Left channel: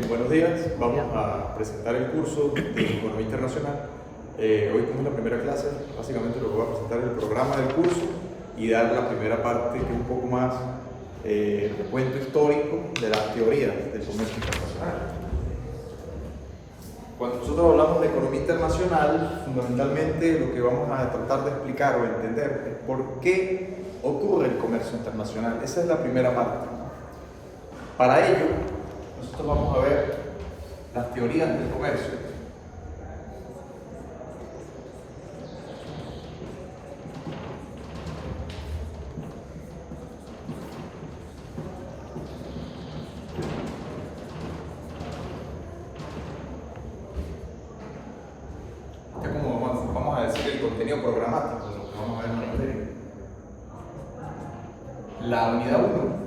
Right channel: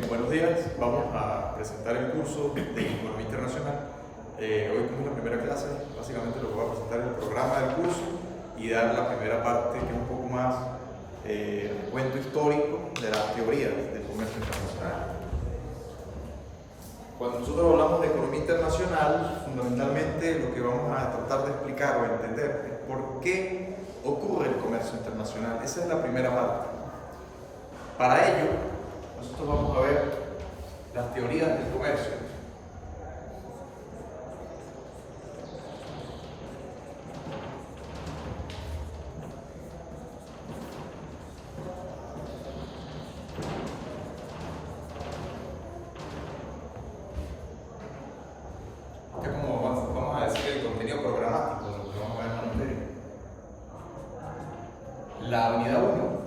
Buenos días, vamos a presentar el curso de Economía Internacional. Hoy, como es la primera clase, básicamente lo que voy a presentar es el programa del curso y dar la primera parte que es un poco más recuento histórico de las teorías del comercio internacional. Cuando nosotros hablamos de economía internacional, fundamentalmente lo que vamos a tratar de explicar o entender es por qué ocurre el comercio internacional. Esa es la primera parte. Para ello, nosotros vamos a ver las teorías del comercio. Vamos a decir el contenido programático de lo que vamos a ver en la materia. La unidad 1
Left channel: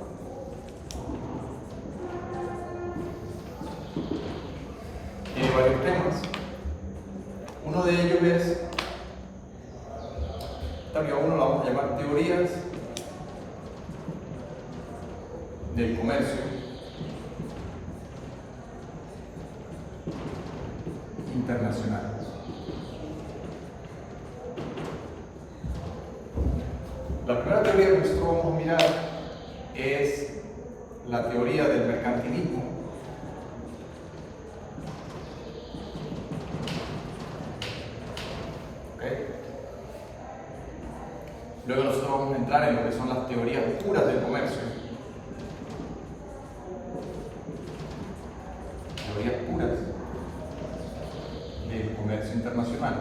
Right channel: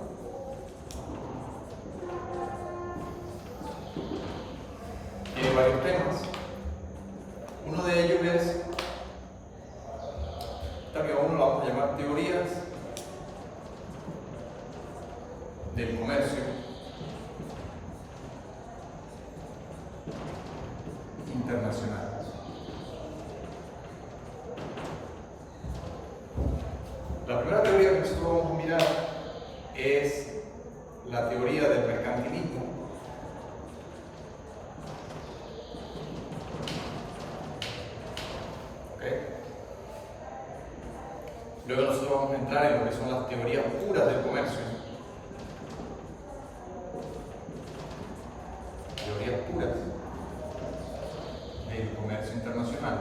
tiene varios temas. Uno de ellos es, también uno lo vamos a llamar teorías del comercio internacional. La primera teoría que nosotros vamos a mirar es la teoría del mercantilismo. Luego nosotros vamos a entrar en lo que son las teorías puras del comercio. Teorías puras del comercio internacional.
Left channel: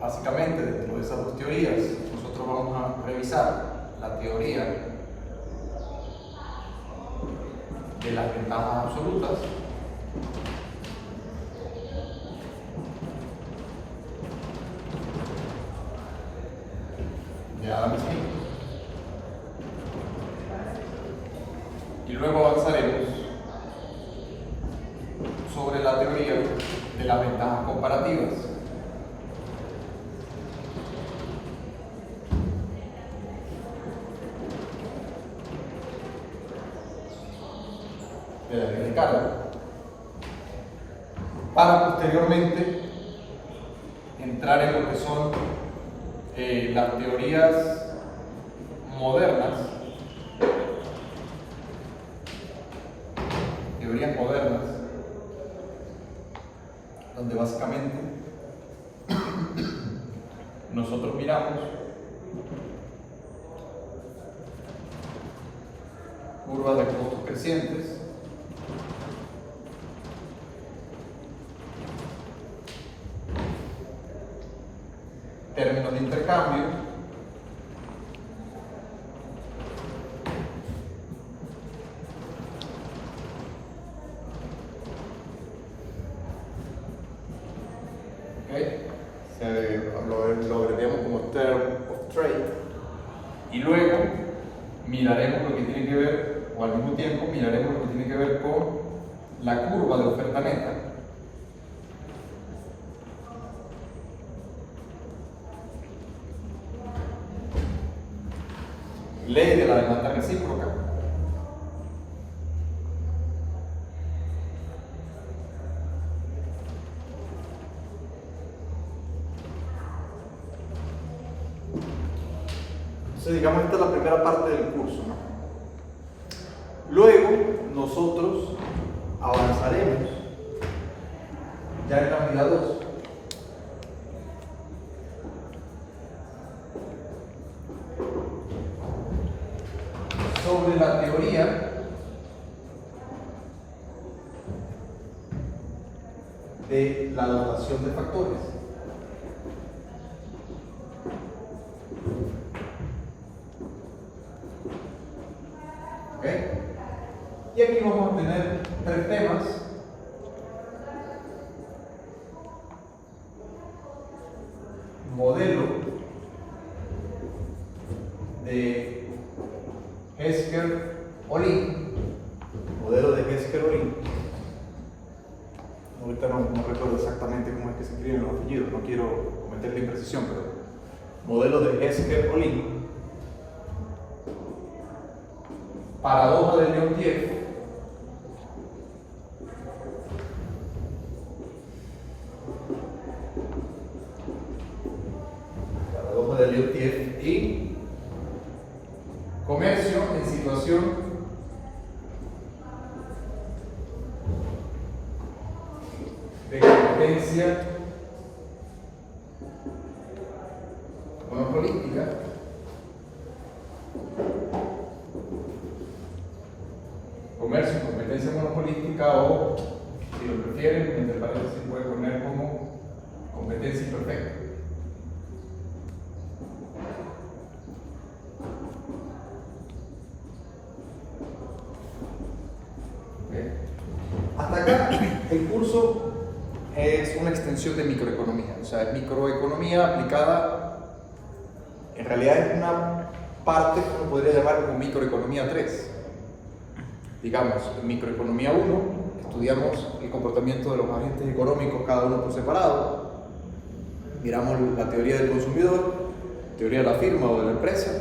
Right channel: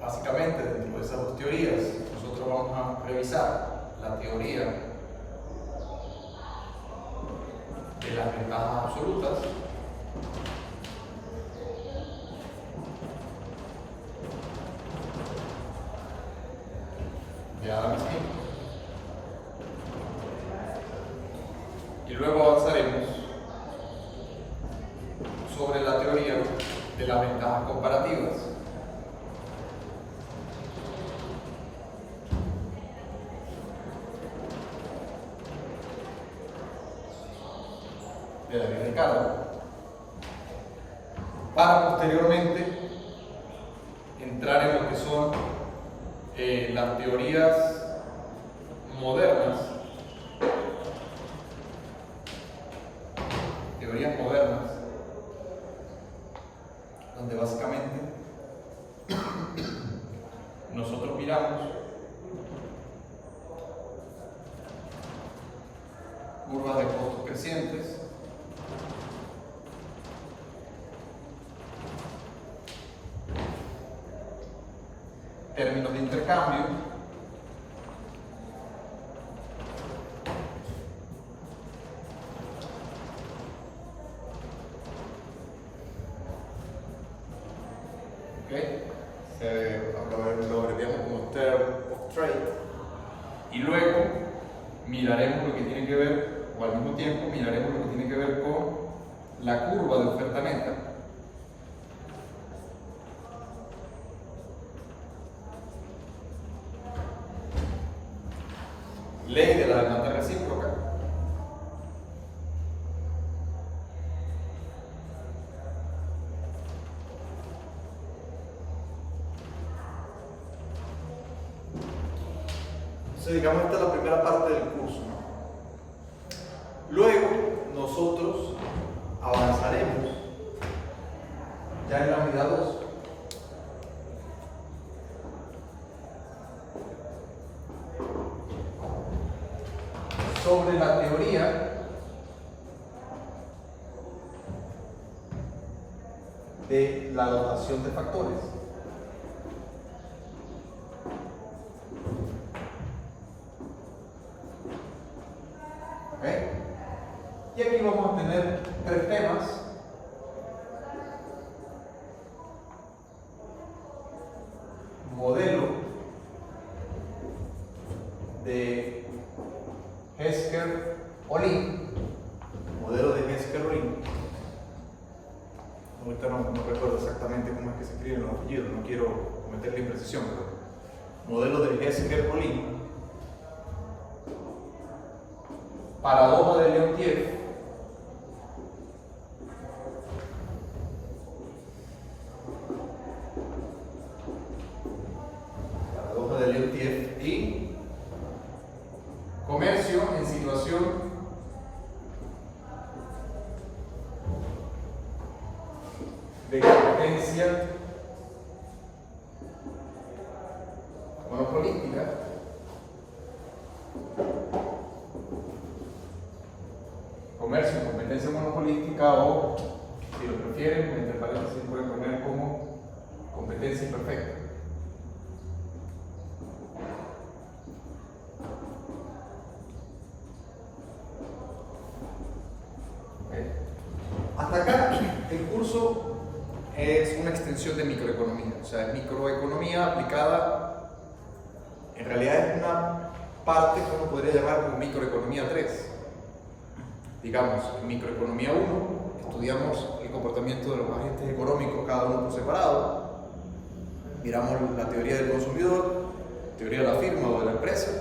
Básicamente, dentro de esas dos teorías, nosotros vamos a revisar la teoría de las ventajas absolutas, de Adam Smith, y luego avanzaremos sobre la teoría de las ventajas comparativas, de la ley de Carnot, para posteriormente entrar en lo que son las teorías modernas, donde básicamente nosotros miramos curvas de costos crecientes, términos de intercambio, lo deberíamos como term of trade, y luego miraremos lo que tiene que ver, o al mismo tiempo miraremos lo que tiene que ver con la curva de oferta neta, ley de la demanda recíproca, entonces digamos esta es la primera parte del curso, ¿no? Luego nosotros avanzaremos ya en la unidad 2 sobre la teoría de la dotación de factores. Y aquí vamos a tener tres temas. Modelo de Hesker-Ohlin. Modelo de Hesker-Ohlin. Ahorita no recuerdo exactamente cómo es que se escriben los apellidos, no quiero cometer la imprecisión, pero modelo de Hesker-Ohlin. paradoja de Leontiev. Paradoja de Leontiev y comercio en situación de competencia monopolística comercio en competencia monopolística o, si lo prefieren, entre paréntesis se puede poner como competencia imperfecta. Okay. Hasta acá el curso es una extensión de microeconomía, o sea, es microeconomía aplicada, en realidad es una parte, como podría llamar, como microeconomía 3. Digamos, en microeconomía 1 estudiamos el comportamiento de los agentes económicos, cada uno por separado, miramos la teoría del consumidor, teoría de la firma o de la empresa,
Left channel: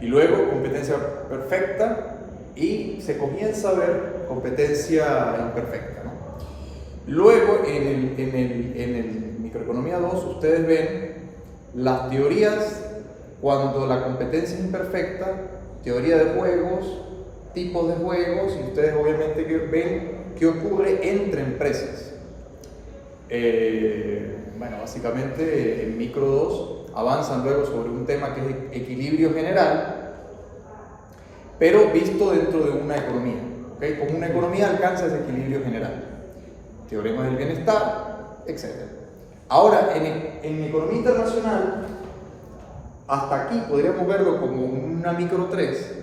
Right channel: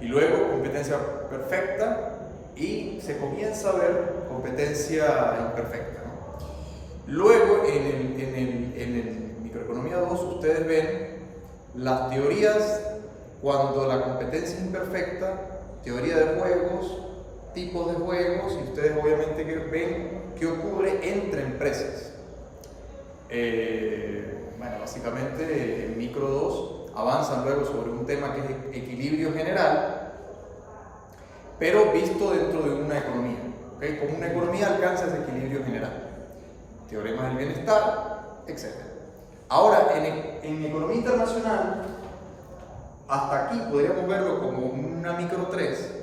y luego competencia perfecta, y se comienza a ver competencia imperfecta, ¿no? Luego, en el microeconomía 2, ustedes ven las teorías cuando la competencia es imperfecta, teoría de juegos, tipos de juegos, y ustedes obviamente ven qué ocurre entre empresas. Bueno, básicamente en micro 2 avanzan luego sobre un tema que es equilibrio general, pero visto dentro de una economía, ¿okay? Como una economía alcanza ese equilibrio general, teoremas del bienestar, etc. Ahora, en economía internacional, hasta aquí podríamos verlo como una micro 3,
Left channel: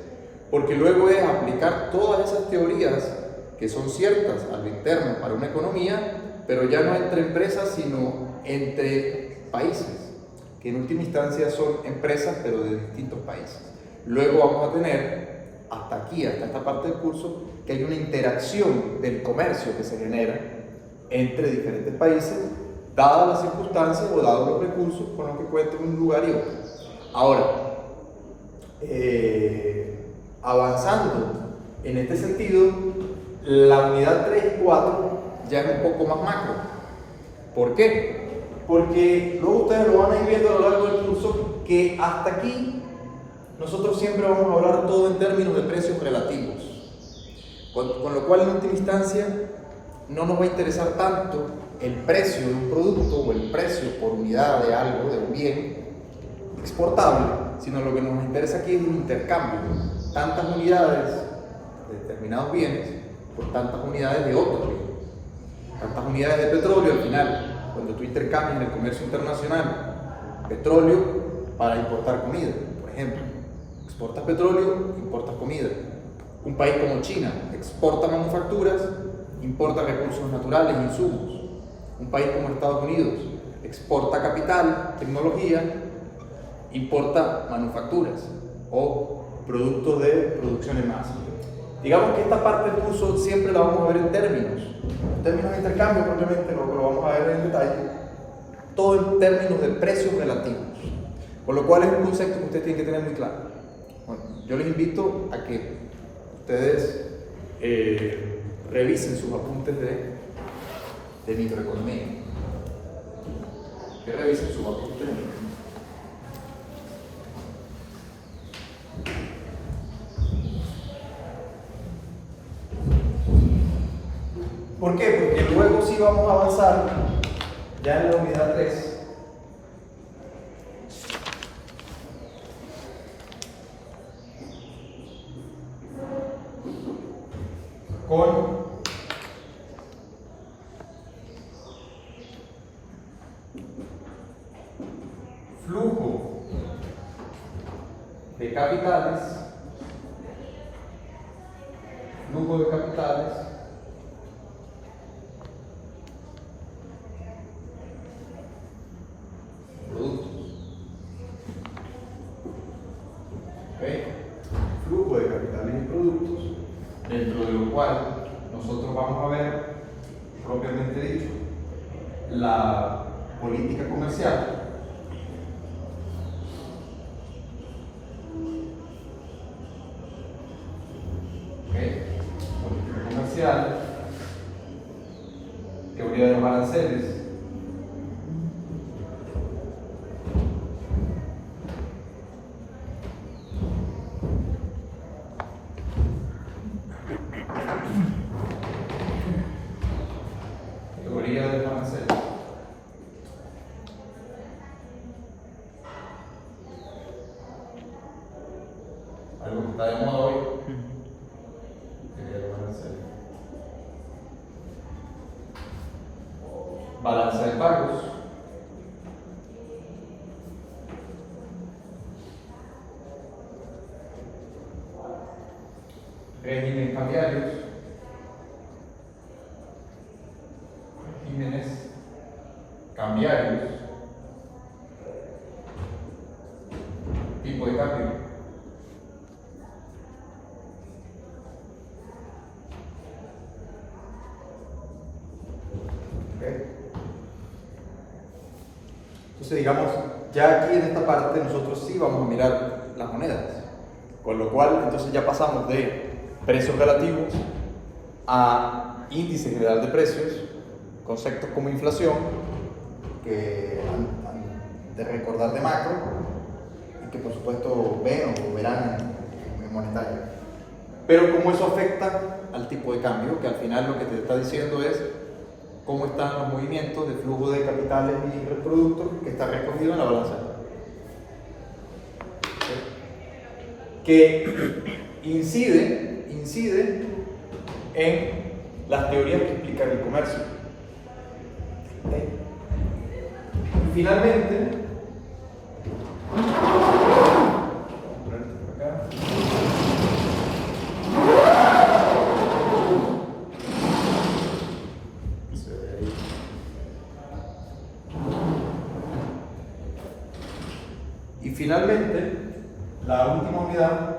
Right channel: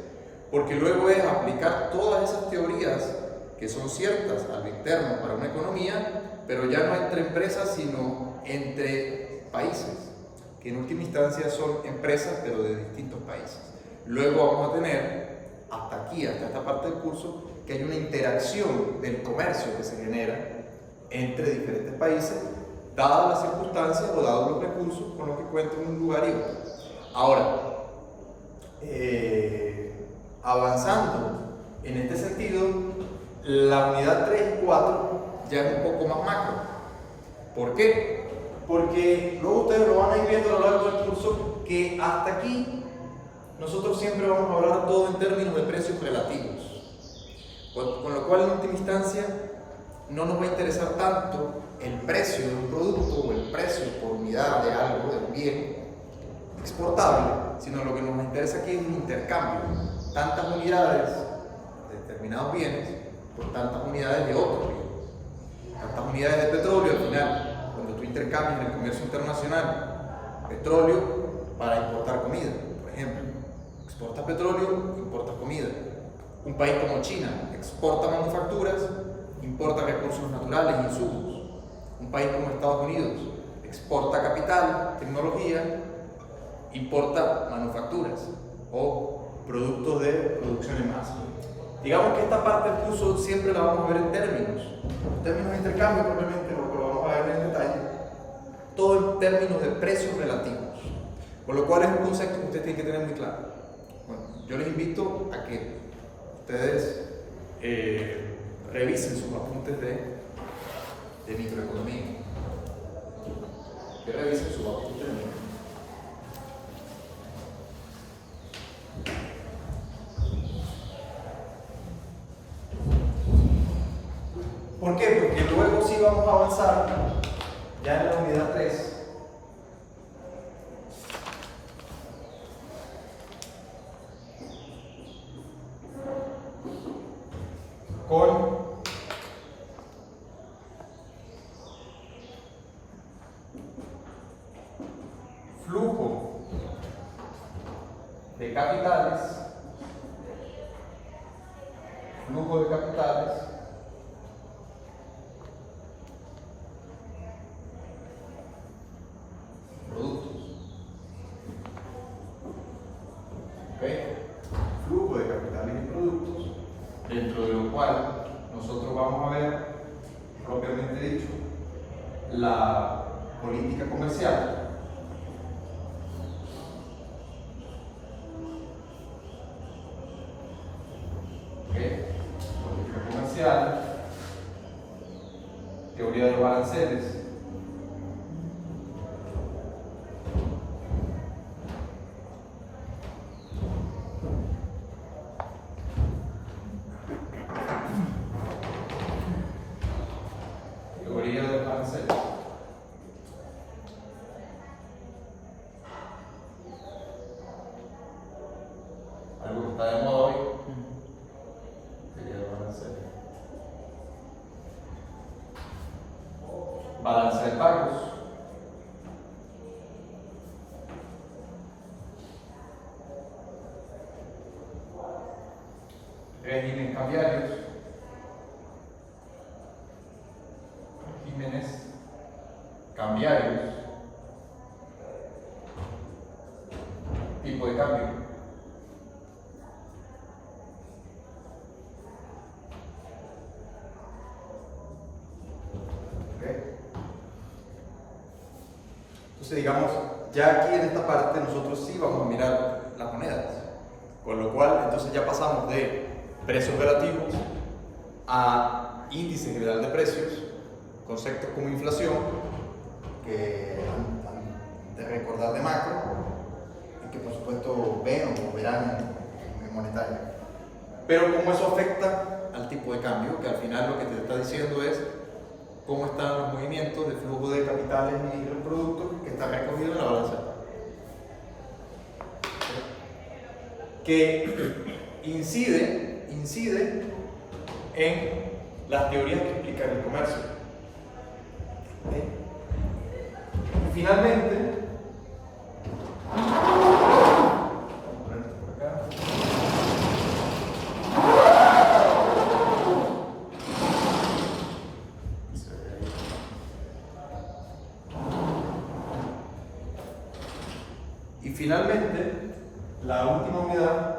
porque luego es aplicar todas esas teorías que son ciertas a lo interno para una economía, pero ya no entre empresas, sino entre países, que en última instancia son empresas, pero de distintos países. Luego vamos a tener, hasta aquí, hasta esta parte del curso, que hay una interacción del comercio que se genera entre diferentes países, dadas las circunstancias o dados los recursos con los que cuentan un lugar y otro. Ahora, avanzando en este sentido, la unidad 3 y 4 ya es un poco más macro. ¿Por qué? Porque luego ustedes lo van a ir viendo a lo largo del curso que hasta aquí nosotros siempre vamos a hablar todo en términos de precios relativos, con lo cual en última instancia no nos va a interesar tanto el precio de un producto o el precio por unidad de algo, de un bien exportable, sino lo que nos interesa aquí es el intercambio, tantas unidades de determinados bienes por tantas unidades de otros bienes, tantas unidades de petróleo. Al final, cuando tú intercambias en el comercio internacional petróleo para importar comida, por ejemplo, exportas petróleo, importas comida. Un país como China exporta manufacturas, importa recursos naturales, insumos. Un país como Estados Unidos exporta capital, tecnología, importa manufacturas o productos de producción en masa. Digamos que esta parte del curso siempre la vamos a ver en términos de intercambio, probablemente lo vamos a ver en detalle, todo en términos de precios relativos, con lo cual es un concepto que ustedes tienen que tener muy claro. Bueno, yo les invito a que ustedes revisen sus apuntes de microeconomía, que revisen sus apuntes de microeconomía. ¿Por qué? Porque luego sí vamos a avanzar ya en la unidad 3 con flujo de capitales, productos. ¿Okay? Flujo de capitales y productos, dentro de lo cual nosotros vamos a ver, propiamente dicho, la política comercial, comerciales, teoría de los aranceles, teoría de los aranceles. Algo que está de moda hoy. Teoría de los aranceles. Balanza de pagos. Régimen cambiarios. Regímenes cambiarios. Tipo de cambio. Okay. Entonces, digamos, ya aquí en esta parte nosotros sí vamos a mirar las monedas, con lo cual entonces ya pasamos de precios relativos a índice general de precios, conceptos como inflación, que han de recordar de macro, y que por supuesto ven o verán en monetario. Pero cómo eso afecta al tipo de cambio, que al final lo que te está diciendo es cómo están los movimientos de flujo de capitales y productos que está recogido en la balanza de pagos. Que incide en las teorías que explican el comercio. Y finalmente, por acá. Y finalmente, la última unidad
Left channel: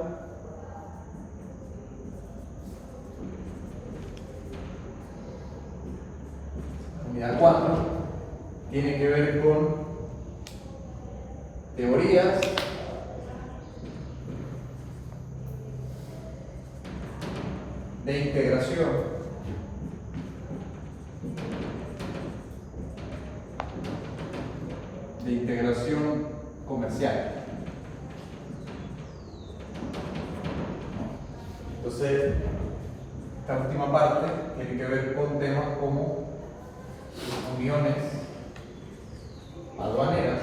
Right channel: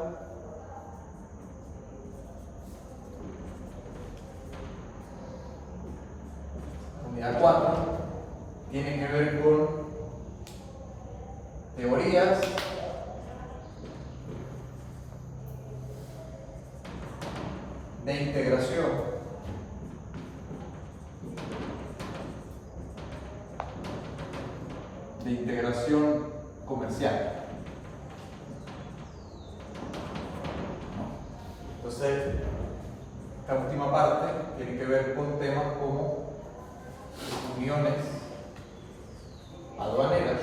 unidad 4 tiene que ver con teorías de integración comercial. Entonces, esta última parte tiene que ver con temas como uniones aduaneras,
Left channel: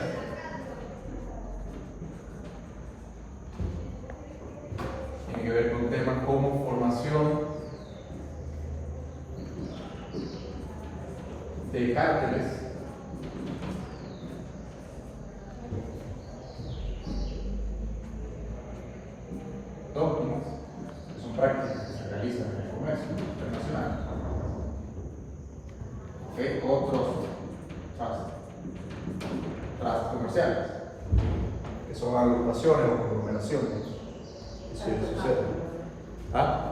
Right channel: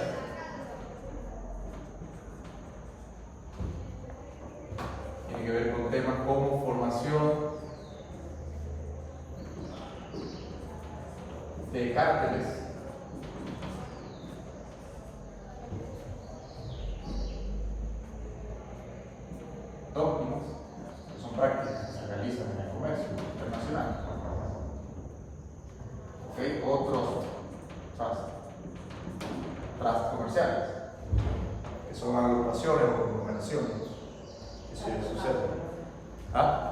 tiene que ver con temas como formación de cárteles, dogmas, que son prácticas que se realizan en el comercio internacional. Otros trazos comerciales, que son agrupaciones o conglomeraciones. Eso ya sucede. ¿Ah?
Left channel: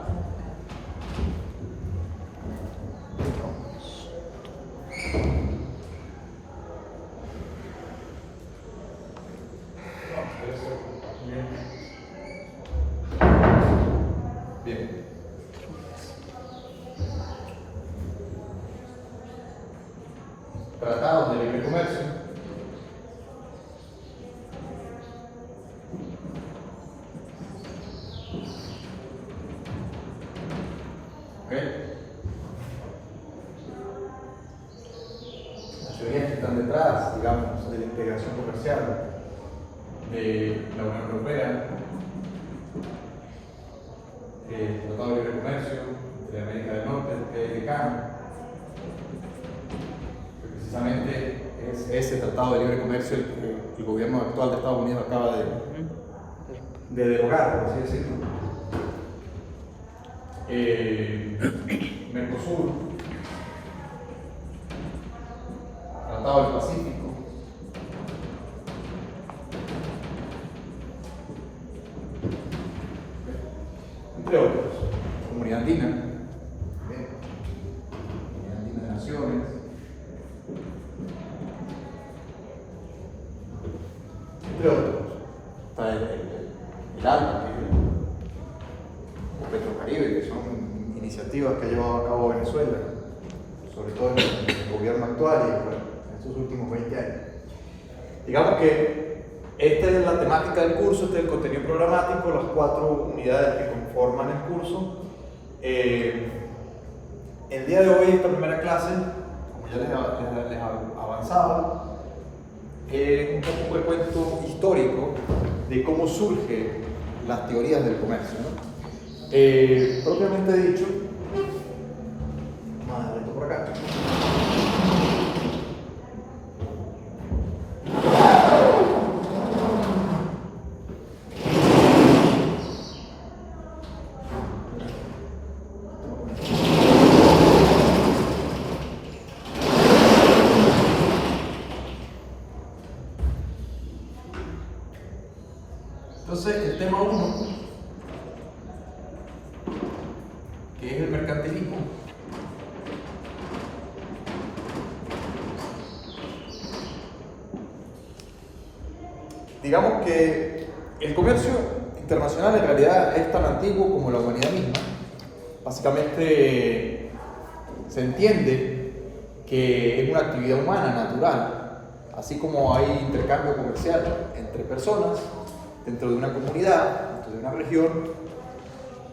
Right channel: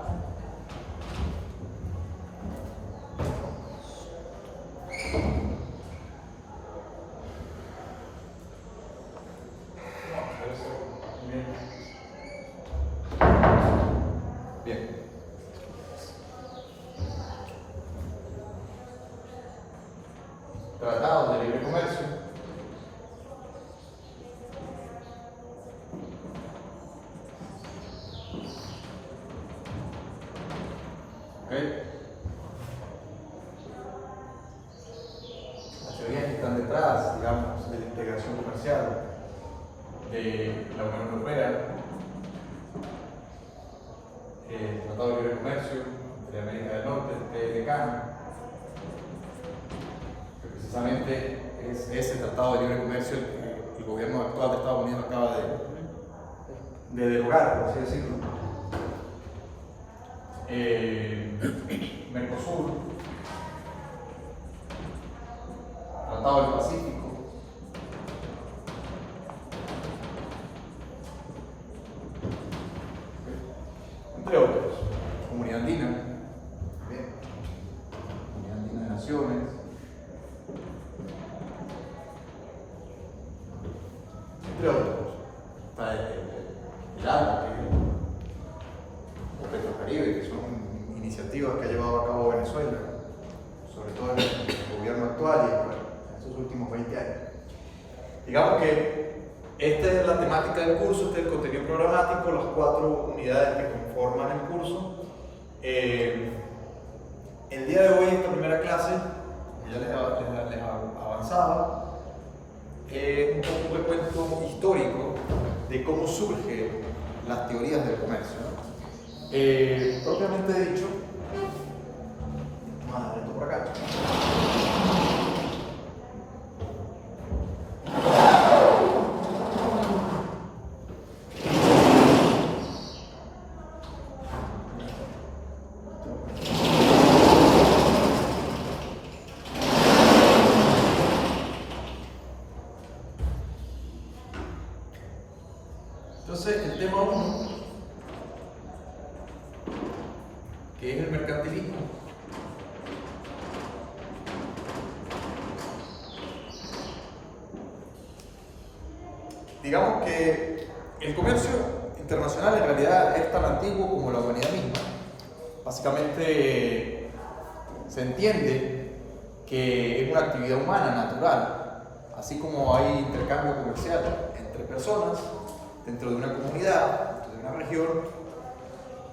Bien. Tratados de libre comercio. Las teorías que están detrás, digamos, de la integración comercial de la Unión Europea, el Tratado de Libre Comercio de América del Norte, el TLCAN, que precisamente es ese Tratado de Libre Comercio el que el gobierno actual de Estados Unidos acaba de derogar, por así decirlo. Mercosur, Tratado del Pacífico, entre otros, Comunidad Andina, Comunidad Andina de Naciones, entre otros. Está el ALBA, que es el Petrocaribe, que son iniciativas que ha llevado a cabo Venezuela, sobre todo en el gobierno actual y bueno, en estos últimos 20 años. Digamos que esta es la temática del curso, este es el contenido programático, las 4 unidades que conforman el curso. El día de hoy, esta primera clase, como ya les avanzaba, un poco un recuento histórico de cómo surgen las teorías del comercio, ¿no? Propiamente dicho, vamos a dar esto por acá. Entonces, el tema 1, que es el mercantilismo, digamos que el comercio internacional en realidad es tan antiguo como la humanidad misma. Básicamente se entiende que es una actividad humana natural, así como hay intercambio comercial entre personas, dentro de una comunidad, dentro de una región,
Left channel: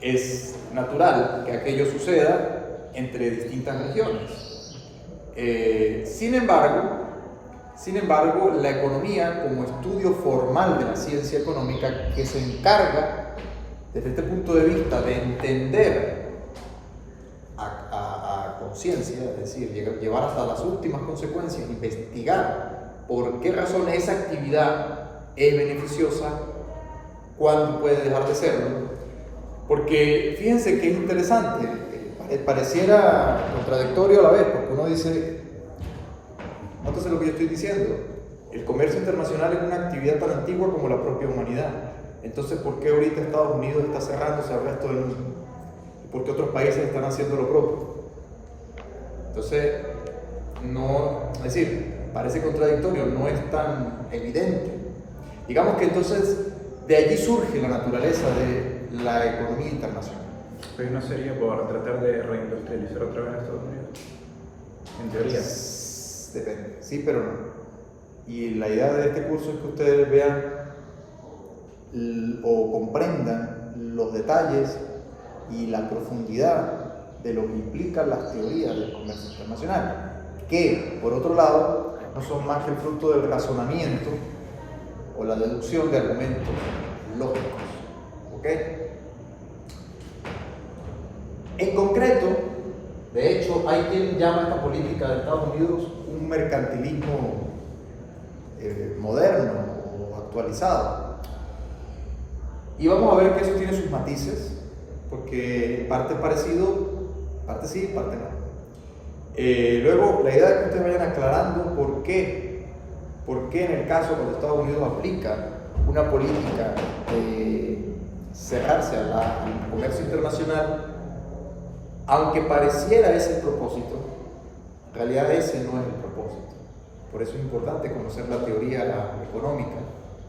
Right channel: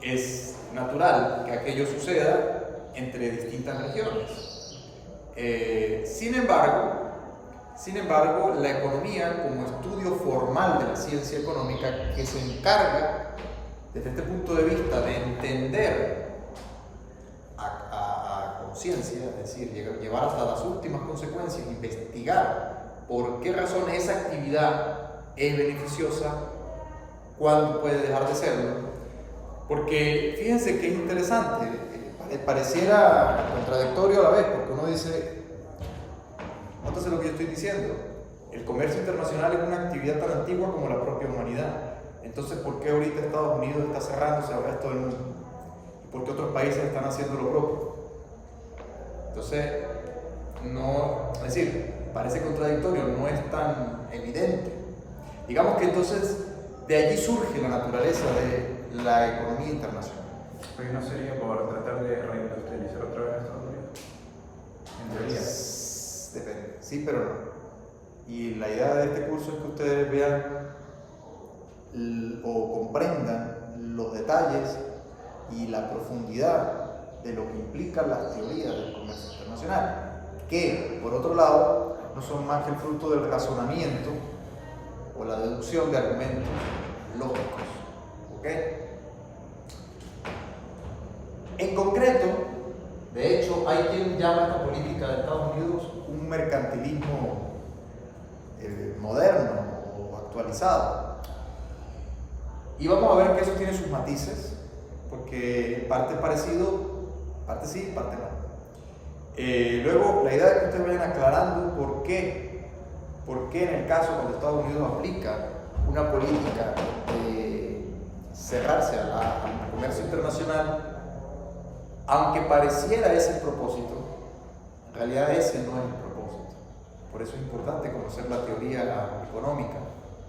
es natural que aquello suceda entre distintas regiones. Sin embargo, la economía como estudio formal de la ciencia económica que se encarga, desde este punto de vista, de entender a conciencia, es decir, llevar hasta las últimas consecuencias, investigar por qué razón esa actividad es beneficiosa, cuándo puede dejar de serlo. Porque fíjense que es interesante, pareciera contradictorio a la vez, porque uno dice, nótese lo que yo estoy diciendo, el comercio internacional es una actividad tan antigua como la propia humanidad. Entonces, ¿por qué ahorita Estados Unidos está cerrándose al resto del mundo? ¿Y por qué otros países están haciendo lo propio? Entonces, es decir, parece contradictorio, no es tan evidente. Digamos que entonces de allí surge la naturaleza de la economía internacional. Pero no sería por tratar de reindustrializar otra vez a Estados Unidos, en teoría. Depende, sí, pero no. Y la idea de este curso es que ustedes vean o comprendan los detalles y la profundidad de lo que implican las teorías del comercio internacional, que, por otro lado, no son más que el fruto del razonamiento o la deducción de argumentos lógicos. ¿Ok? En concreto, de hecho, hay quien llama esta política de Estados Unidos un mercantilismo moderno o actualizado. Y vamos a ver que eso tiene sus matices, porque parte es parecido, parte sí, parte no. Luego, la idea es que ustedes vayan aclarando por qué en el caso cuando Estados Unidos aplica una política de cerrarse al comercio internacional, aunque pareciera ese el propósito, en realidad ese no es el propósito. Por eso es importante conocer la teoría económica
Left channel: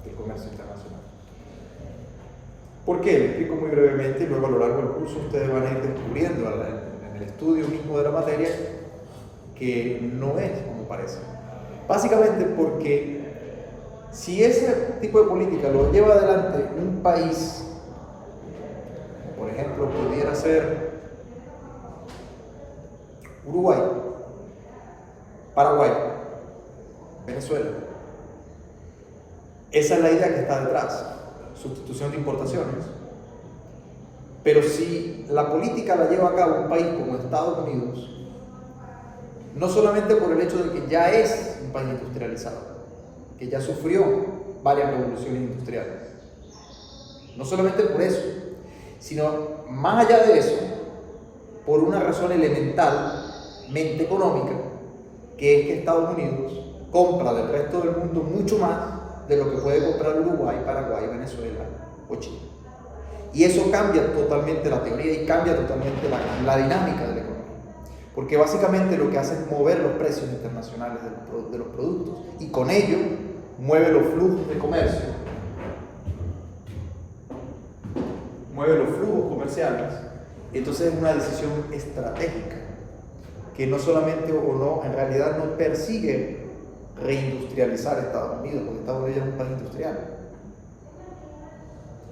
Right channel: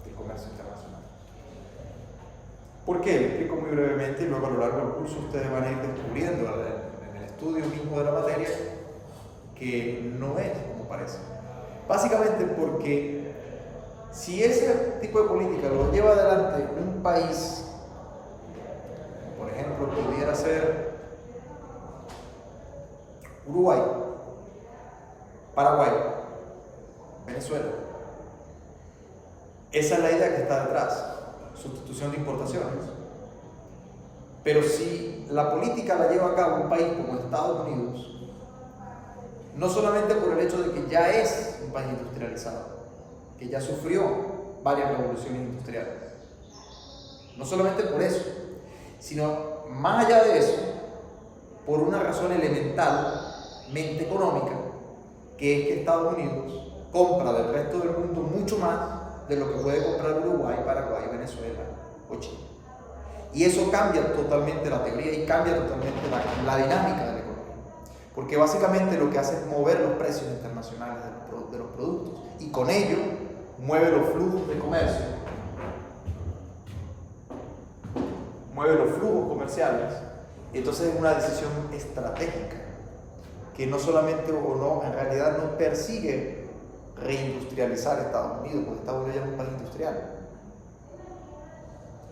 del comercio internacional. ¿Por qué? Le explico muy brevemente y luego a lo largo del curso ustedes van a ir descubriendo en el estudio mismo de la materia que no es como parece. Básicamente porque si ese tipo de política lo lleva adelante un país, como por ejemplo pudiera ser Uruguay, Paraguay, Venezuela, esa es la idea que está detrás, sustitución de importaciones. Pero si la política la lleva a cabo un país como Estados Unidos, no solamente por el hecho de que ya es un país industrializado, que ya sufrió varias revoluciones industriales, no solamente por eso, sino más allá de eso, por una razón elementalmente económica, que es que Estados Unidos compra del resto del mundo mucho más de lo que puede comprar Uruguay, Paraguay, Venezuela o Chile. Y eso cambia totalmente la teoría y cambia totalmente la dinámica de la economía. Porque básicamente lo que hace es mover los precios internacionales de los productos y con ello mueve los flujos de comercio, mueve los flujos comerciales Entonces es una decisión estratégica que no solamente o no, en realidad no persigue reindustrializar Estados Unidos, porque Estados Unidos es un país industrial.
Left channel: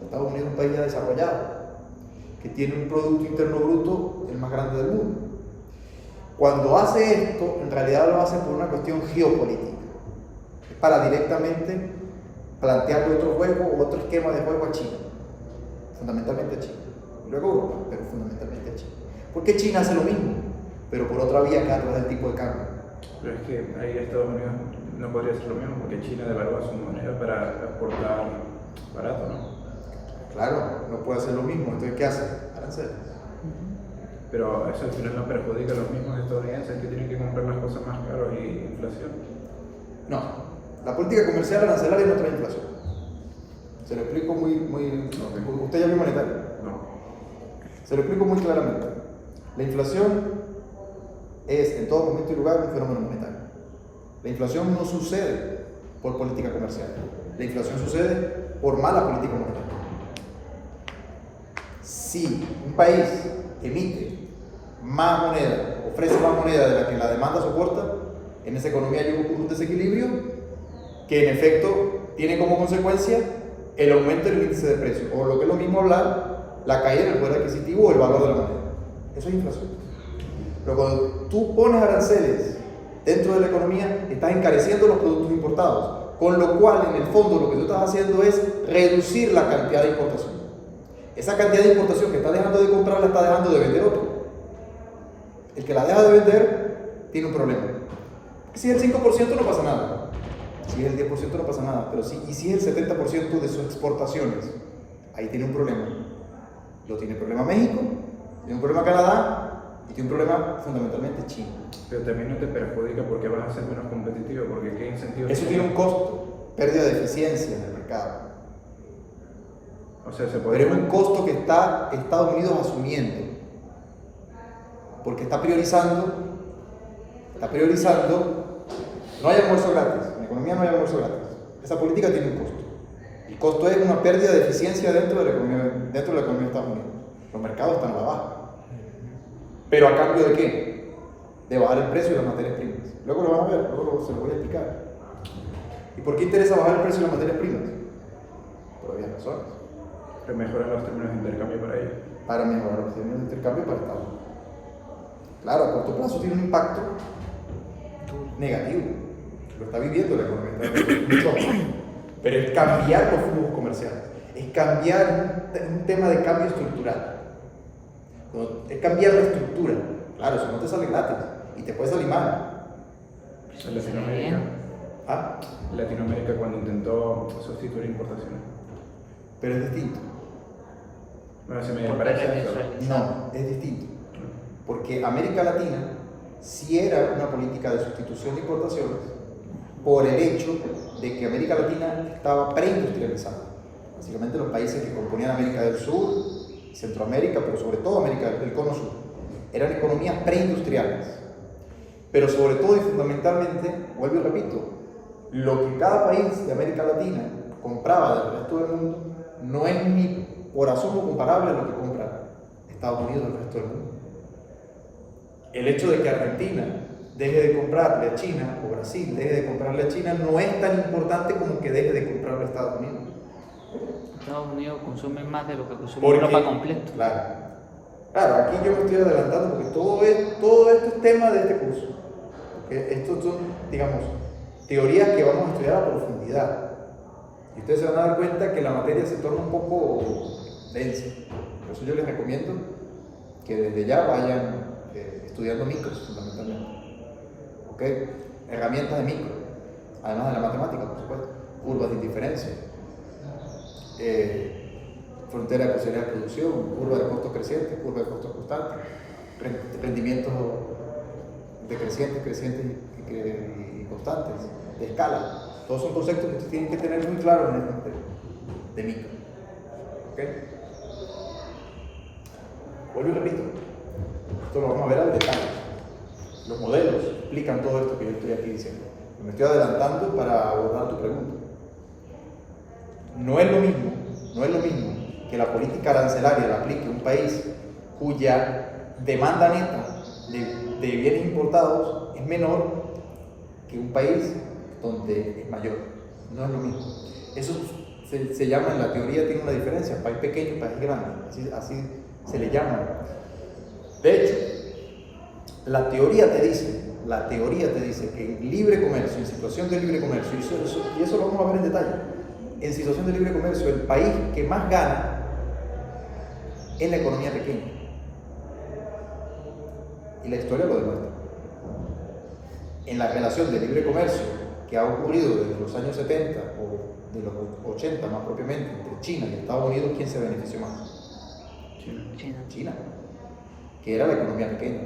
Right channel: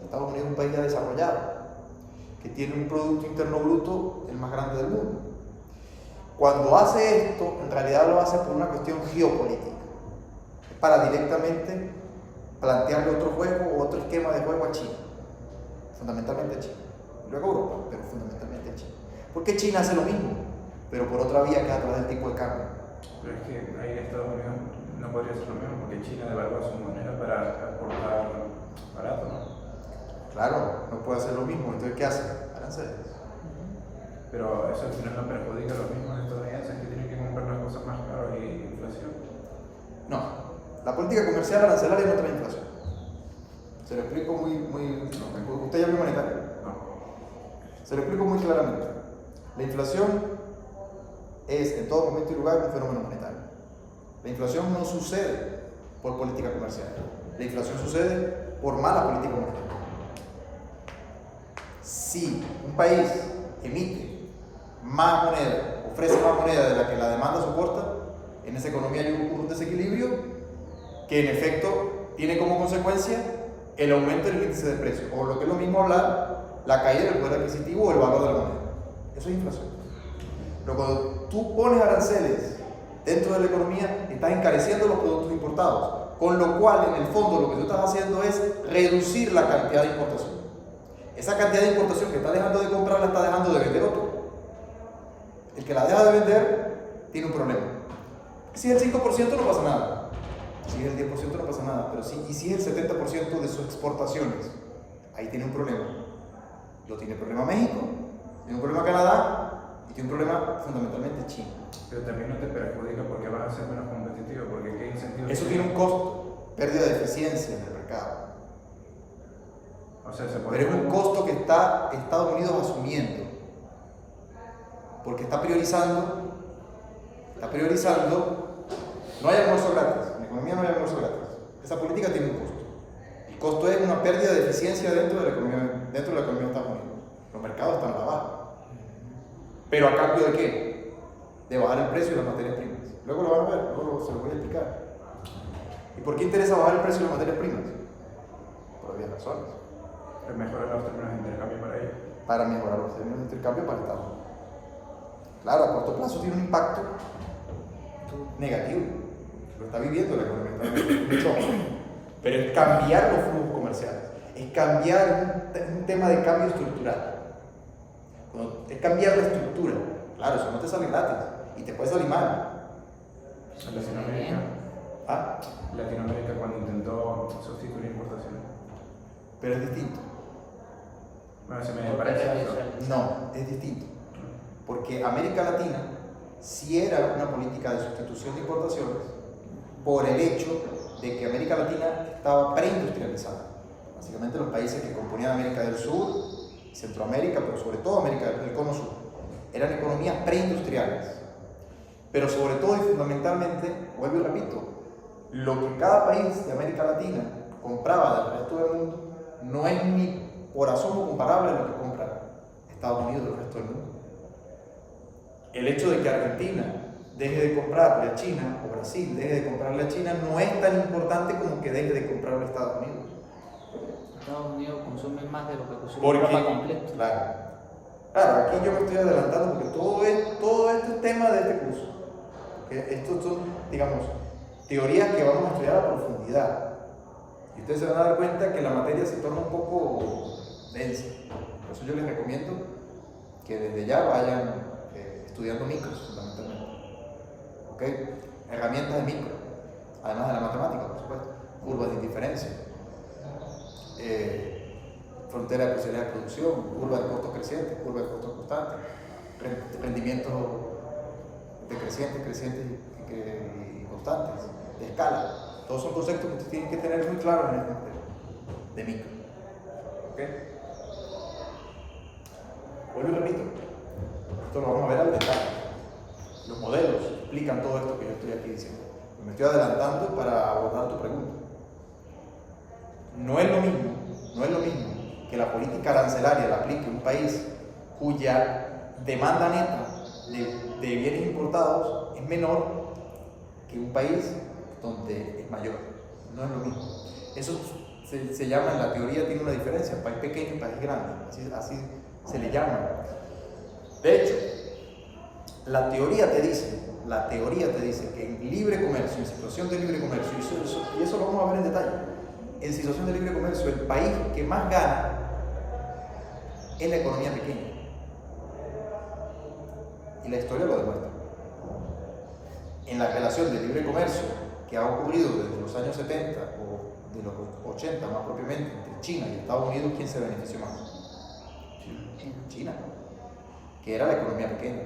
Estados Unidos es un país ya desarrollado, que tiene un Producto Interno Bruto el más grande del mundo. Cuando hace esto, en realidad lo hace por una cuestión geopolítica. Es para directamente plantearle otro juego o otro esquema de juego a China, fundamentalmente a China. Luego a Europa, pero fundamentalmente a China. Porque China hace lo mismo, pero por otra vía que a través del tipo de cambio. Pero es que ahí Estados Unidos no podría hacer lo mismo porque China devalúa su moneda para exportar barato, ¿no? Claro, no puede hacer lo mismo, entonces ¿qué hace? Aranceles. Pero eso al final no perjudica a los mismos estadounidenses que tienen que comprar las cosas más caras y inflación. No, la política comercial arancelaria no trae inflación. Se lo explico Okay. Usted ya vio monetario. No. Se lo explico muy claramente. La inflación es en todo momento y lugar un fenómeno monetario. La inflación no sucede por política comercial. La inflación sucede por mala política monetaria. Si un país emite más moneda, ofrece más moneda de la que la demanda soporta, en esa economía hay un desequilibrio que en efecto tiene como consecuencia el aumento del índice de precios, o lo que es lo mismo hablar, la caída del poder adquisitivo o el valor de la moneda. Eso es inflación. Pero cuando tú pones aranceles dentro de la economía, estás encareciendo los productos importados, con lo cual en el fondo lo que tú estás haciendo es reducir la cantidad de importación. Esa cantidad de importación que está dejando de comprar la está dejando de vender otro. El que la deja de vender tiene un problema. Si es el 5% no pasa nada. Si es el 10% no pasa nada. Pero si es el 70% de sus exportaciones, ahí tiene un problema. Lo tiene el problema México, tiene un problema Canadá y tiene un problema fundamentalmente China. Pero también no te perjudica porque vas a ser menos competitivo, porque qué incentivos. Eso tiene un costo, pérdida de eficiencia en el mercado. O sea, se Pero podría... es un costo que está Estados Unidos asumiendo, porque está priorizando, no hay almuerzo gratis, en la economía no hay almuerzo gratis, esa política tiene un costo. El costo es una pérdida de eficiencia dentro de la economía de Estados Unidos. Los mercados están a la baja. ¿Pero a cambio de qué? De bajar el precio de las materias primas. Luego lo van a ver, se lo voy a explicar. ¿Y por qué interesa bajar el precio de las materias primas? Por obvias razones. Pero mejorar los términos de intercambio para ellos. Para mejorar los términos de intercambio para Estados Unidos. Claro, a corto plazo tiene un impacto negativo. Lo está viviendo la economía. Pero es cambiar los flujos comerciales. Es cambiar un tema de cambio estructural. Es cambiar la estructura. Claro, eso no te sale gratis. Y te puede salir mal. En Latinoamérica. ¿Ah? Latinoamérica cuando intentó sustituir importaciones. Pero es distinto. Bueno, se me parece eso. No, es distinto. Porque América Latina sí era una política de sustitución de importaciones por el hecho de que América Latina estaba preindustrializada. Básicamente los países que componían América del Sur, Centroamérica, pero sobre todo América del Cono Sur, eran economías preindustriales. Pero sobre todo y fundamentalmente, vuelvo y repito, lo que cada país de América Latina compraba del resto del mundo no es ni por asomo comparable a lo que compra Estados Unidos del resto del mundo. El hecho de que Argentina deje de comprarle a China o Brasil deje de comprarle a China no es tan importante como que deje de comprarle a Estados Unidos. Estados Unidos consume más de lo que consume Europa completo. Claro, aquí yo me estoy adelantando porque todo esto es tema de este curso. Porque estos son, digamos, teorías que vamos a estudiar a profundidad. Y ustedes se van a dar cuenta que la materia se torna un poco densa. Por eso yo les recomiendo que desde ya vayan estudiando micros, fundamentalmente. ¿Ok? Herramientas de micro, además de la matemática, por supuesto. Curvas de indiferencia, frontera de posibilidad de producción, curva de costos crecientes, curva de costos constantes, rendimientos crecientes y constantes, de escala. Todos son conceptos que tienen que tener muy claros en el contexto de micro. ¿Ok? Vuelvo y repito, esto lo vamos a ver al detalle. Los modelos explican todo esto que yo estoy aquí diciendo. Me estoy adelantando para abordar tu pregunta. No es lo mismo que la política arancelaria la aplique un país cuya demanda neta de bienes importados es menor que un país donde es mayor. No es lo mismo. Eso se llama, en la teoría tiene una diferencia, país pequeño y país grande, así se le llama. De hecho, la teoría te dice que en libre comercio, en situación de libre comercio, y eso lo vamos a ver en detalle, en situación de libre comercio, el país que más gana es la economía pequeña. Y la historia lo demuestra. En la relación de libre comercio que ha ocurrido desde los años 70 o de los 80 más propiamente, entre China y Estados Unidos, ¿quién se benefició más? China, que era la economía pequeña.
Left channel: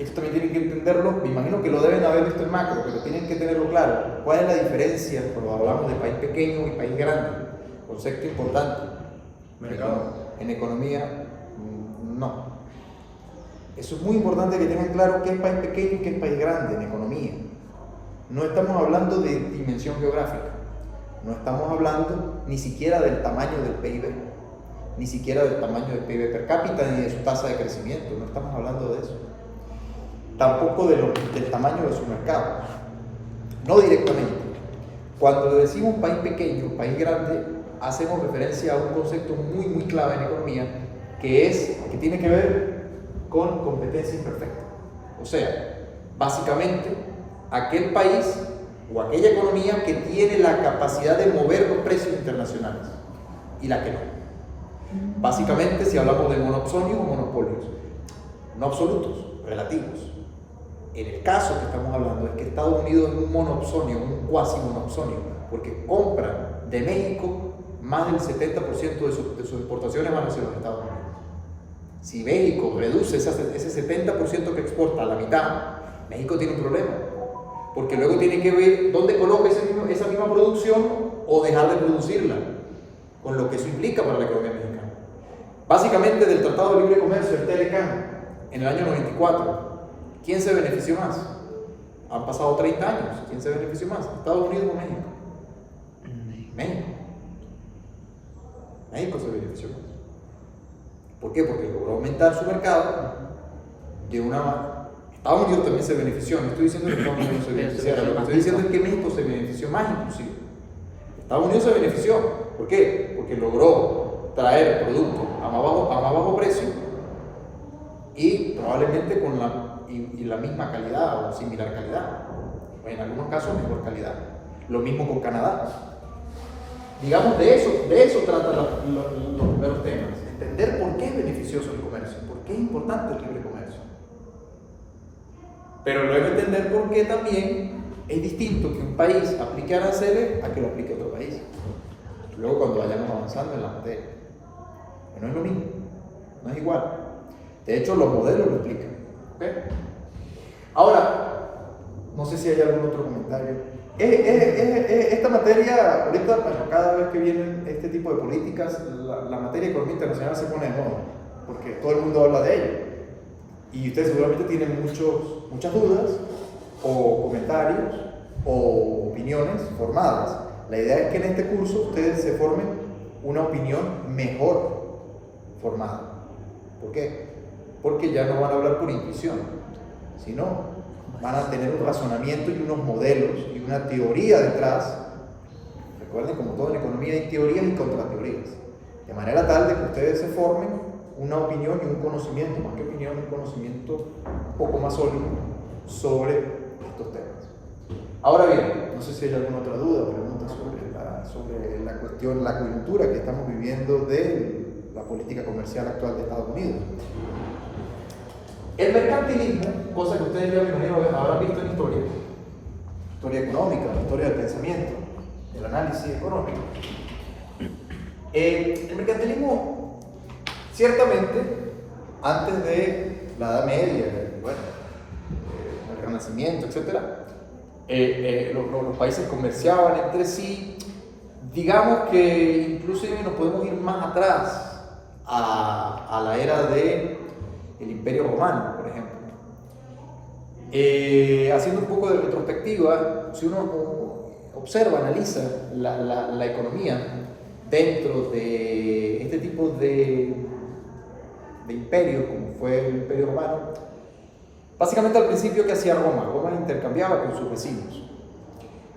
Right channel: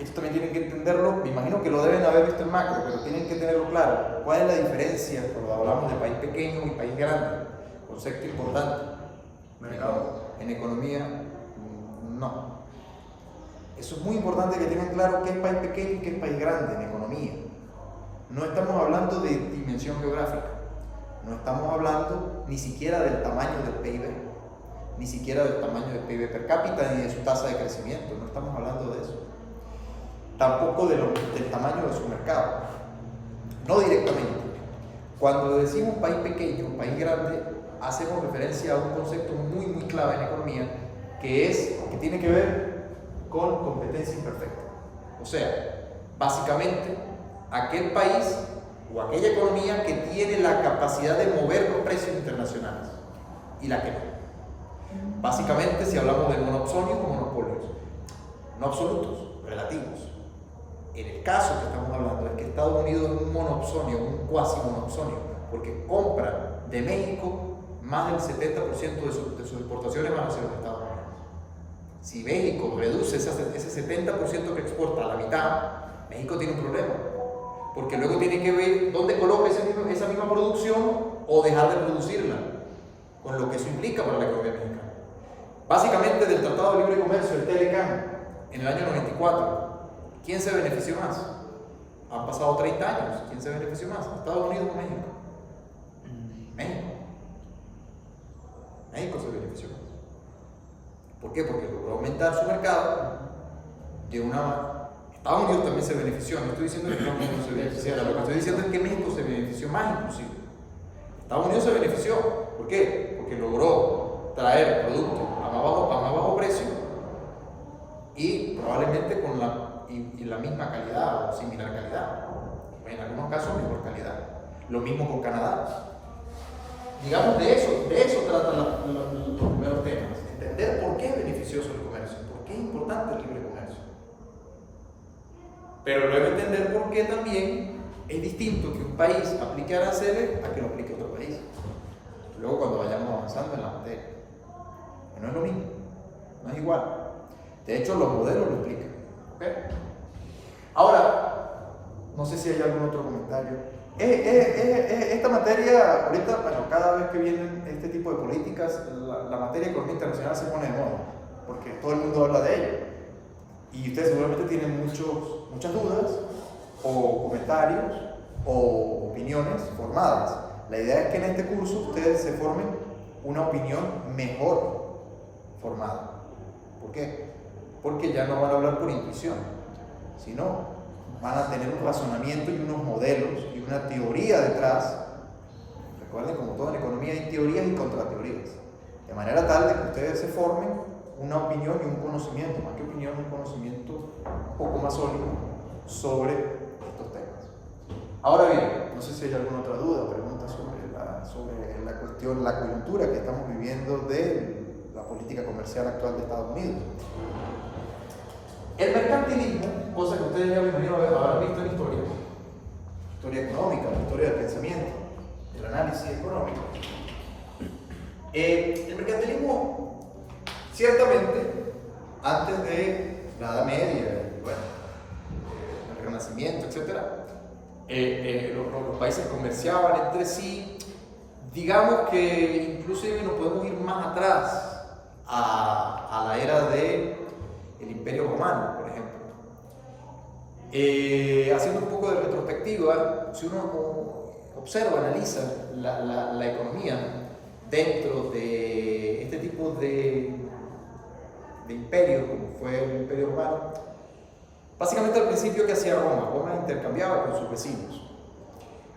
Esto también tienen que entenderlo, me imagino que lo deben haber visto en macro, pero tienen que tenerlo claro. ¿Cuál es la diferencia cuando hablamos de país pequeño y país grande? Concepto importante. Mercado. En economía, no. Eso es muy importante que tengan claro qué es país pequeño y qué es país grande en economía. No estamos hablando de dimensión geográfica, no estamos hablando ni siquiera del tamaño del PIB, ni siquiera del tamaño del PIB per cápita, ni de su tasa de crecimiento, no estamos hablando de eso. Tampoco del tamaño de su mercado, no directamente. Cuando decimos país pequeño, país grande, hacemos referencia a un concepto muy clave en economía, que tiene que ver con competencia imperfecta. O sea, básicamente, aquel país o aquella economía que tiene la capacidad de mover los precios internacionales y la que no. Básicamente, si hablamos de monopsonios o monopolios, no absolutos, relativos. En el caso que estamos hablando es que Estados Unidos es un monopsonio, un cuasi monopsonio, porque compra de México más del 70% de sus exportaciones van hacia los Estados Unidos. Si México reduce ese 70% que exporta a la mitad, México tiene un problema, porque luego tiene que ver dónde coloca esa misma producción o dejar de producirla, con lo que eso implica para la economía mexicana. Básicamente, del Tratado de Libre Comercio, el TLCAN, en el año 94, ¿quién se benefició más? Han pasado 30 años, ¿quién se benefició más? ¿Estados Unidos o México? México se benefició más. ¿Por qué? Porque logró aumentar su mercado de una manera. Estados Unidos también se benefició, no estoy diciendo que Estados Unidos se beneficiara, lo que estoy diciendo es que México se benefició más inclusive. Estados Unidos se benefició, ¿por qué? Porque logró traer productos a más bajo precio y probablemente con la misma calidad o similar calidad, o en algunos casos mejor calidad. Lo mismo con Canadá. Digamos, de eso tratan los primeros temas. Entender por qué es beneficioso el comercio, por qué es importante el libre comercio. Pero luego entender por qué también es distinto que un país aplique aranceles a que lo aplique otro país. Luego cuando vayamos avanzando en la materia. Pero no es lo mismo, no es igual. De hecho, los modelos lo explican. ¿Okay? Ahora, no sé si hay algún otro comentario. Esta materia, ahorita, bueno, cada vez que vienen este tipo de políticas, la materia de economía internacional se pone de moda, porque todo el mundo habla de ello. Y ustedes seguramente tienen muchas dudas, o comentarios, o opiniones formadas. La idea es que en este curso ustedes se formen una opinión mejor formada. ¿Por qué? Porque ya no van a hablar por intuición, sino van a tener un razonamiento y unos modelos y una teoría detrás. Recuerden, como todo en economía hay teorías y contrateorías, de manera tal de que ustedes se formen una opinión y un conocimiento, más que opinión, un conocimiento un poco más sólido sobre estos temas. Ahora bien, no sé si hay alguna otra duda o pregunta sobre la cuestión, la coyuntura que estamos viviendo de la política comercial actual de Estados Unidos. El mercantilismo, cosa que ustedes ya me imagino habrán visto en historia económica, historia del pensamiento, del análisis económico. El mercantilismo, ciertamente, antes de la Edad Media, el Renacimiento, etc., los países comerciaban entre sí. Digamos que incluso nos podemos ir más atrás a la era del Imperio Romano, por ejemplo. Haciendo un poco de retrospectiva, si uno observa, analiza la economía dentro de este tipo de imperios, como fue el Imperio Romano, básicamente al principio, ¿qué hacía Roma? Roma intercambiaba con sus vecinos.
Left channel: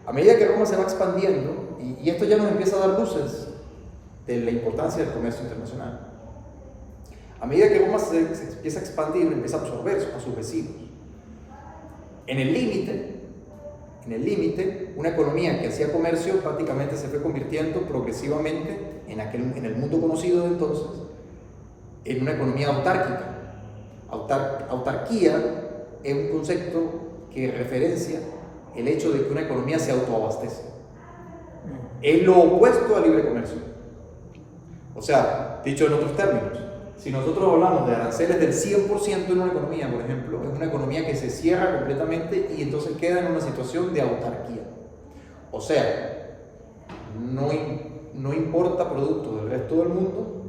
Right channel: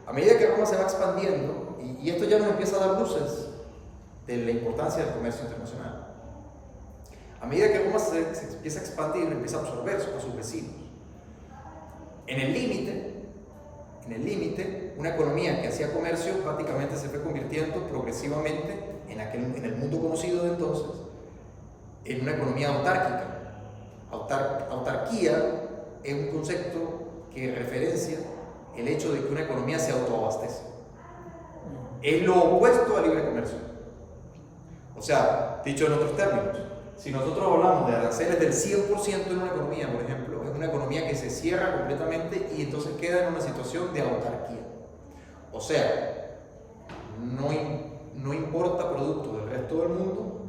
A medida que Roma se va expandiendo, y esto ya nos empieza a dar luces de la importancia del comercio internacional, a medida que Roma se empieza a expandir, empieza a absorber a sus vecinos. En el límite, una economía que hacía comercio prácticamente se fue convirtiendo progresivamente en el mundo conocido de entonces, en una economía autárquica. Autarquía es un concepto que referencia el hecho de que una economía se autoabastece. Es lo opuesto al libre comercio. O sea, dicho en otros términos, si nosotros hablamos de aranceles del 100% en una economía, por ejemplo, es una economía que se cierra completamente y entonces queda en una situación de autarquía. O sea, no importa productos del resto del mundo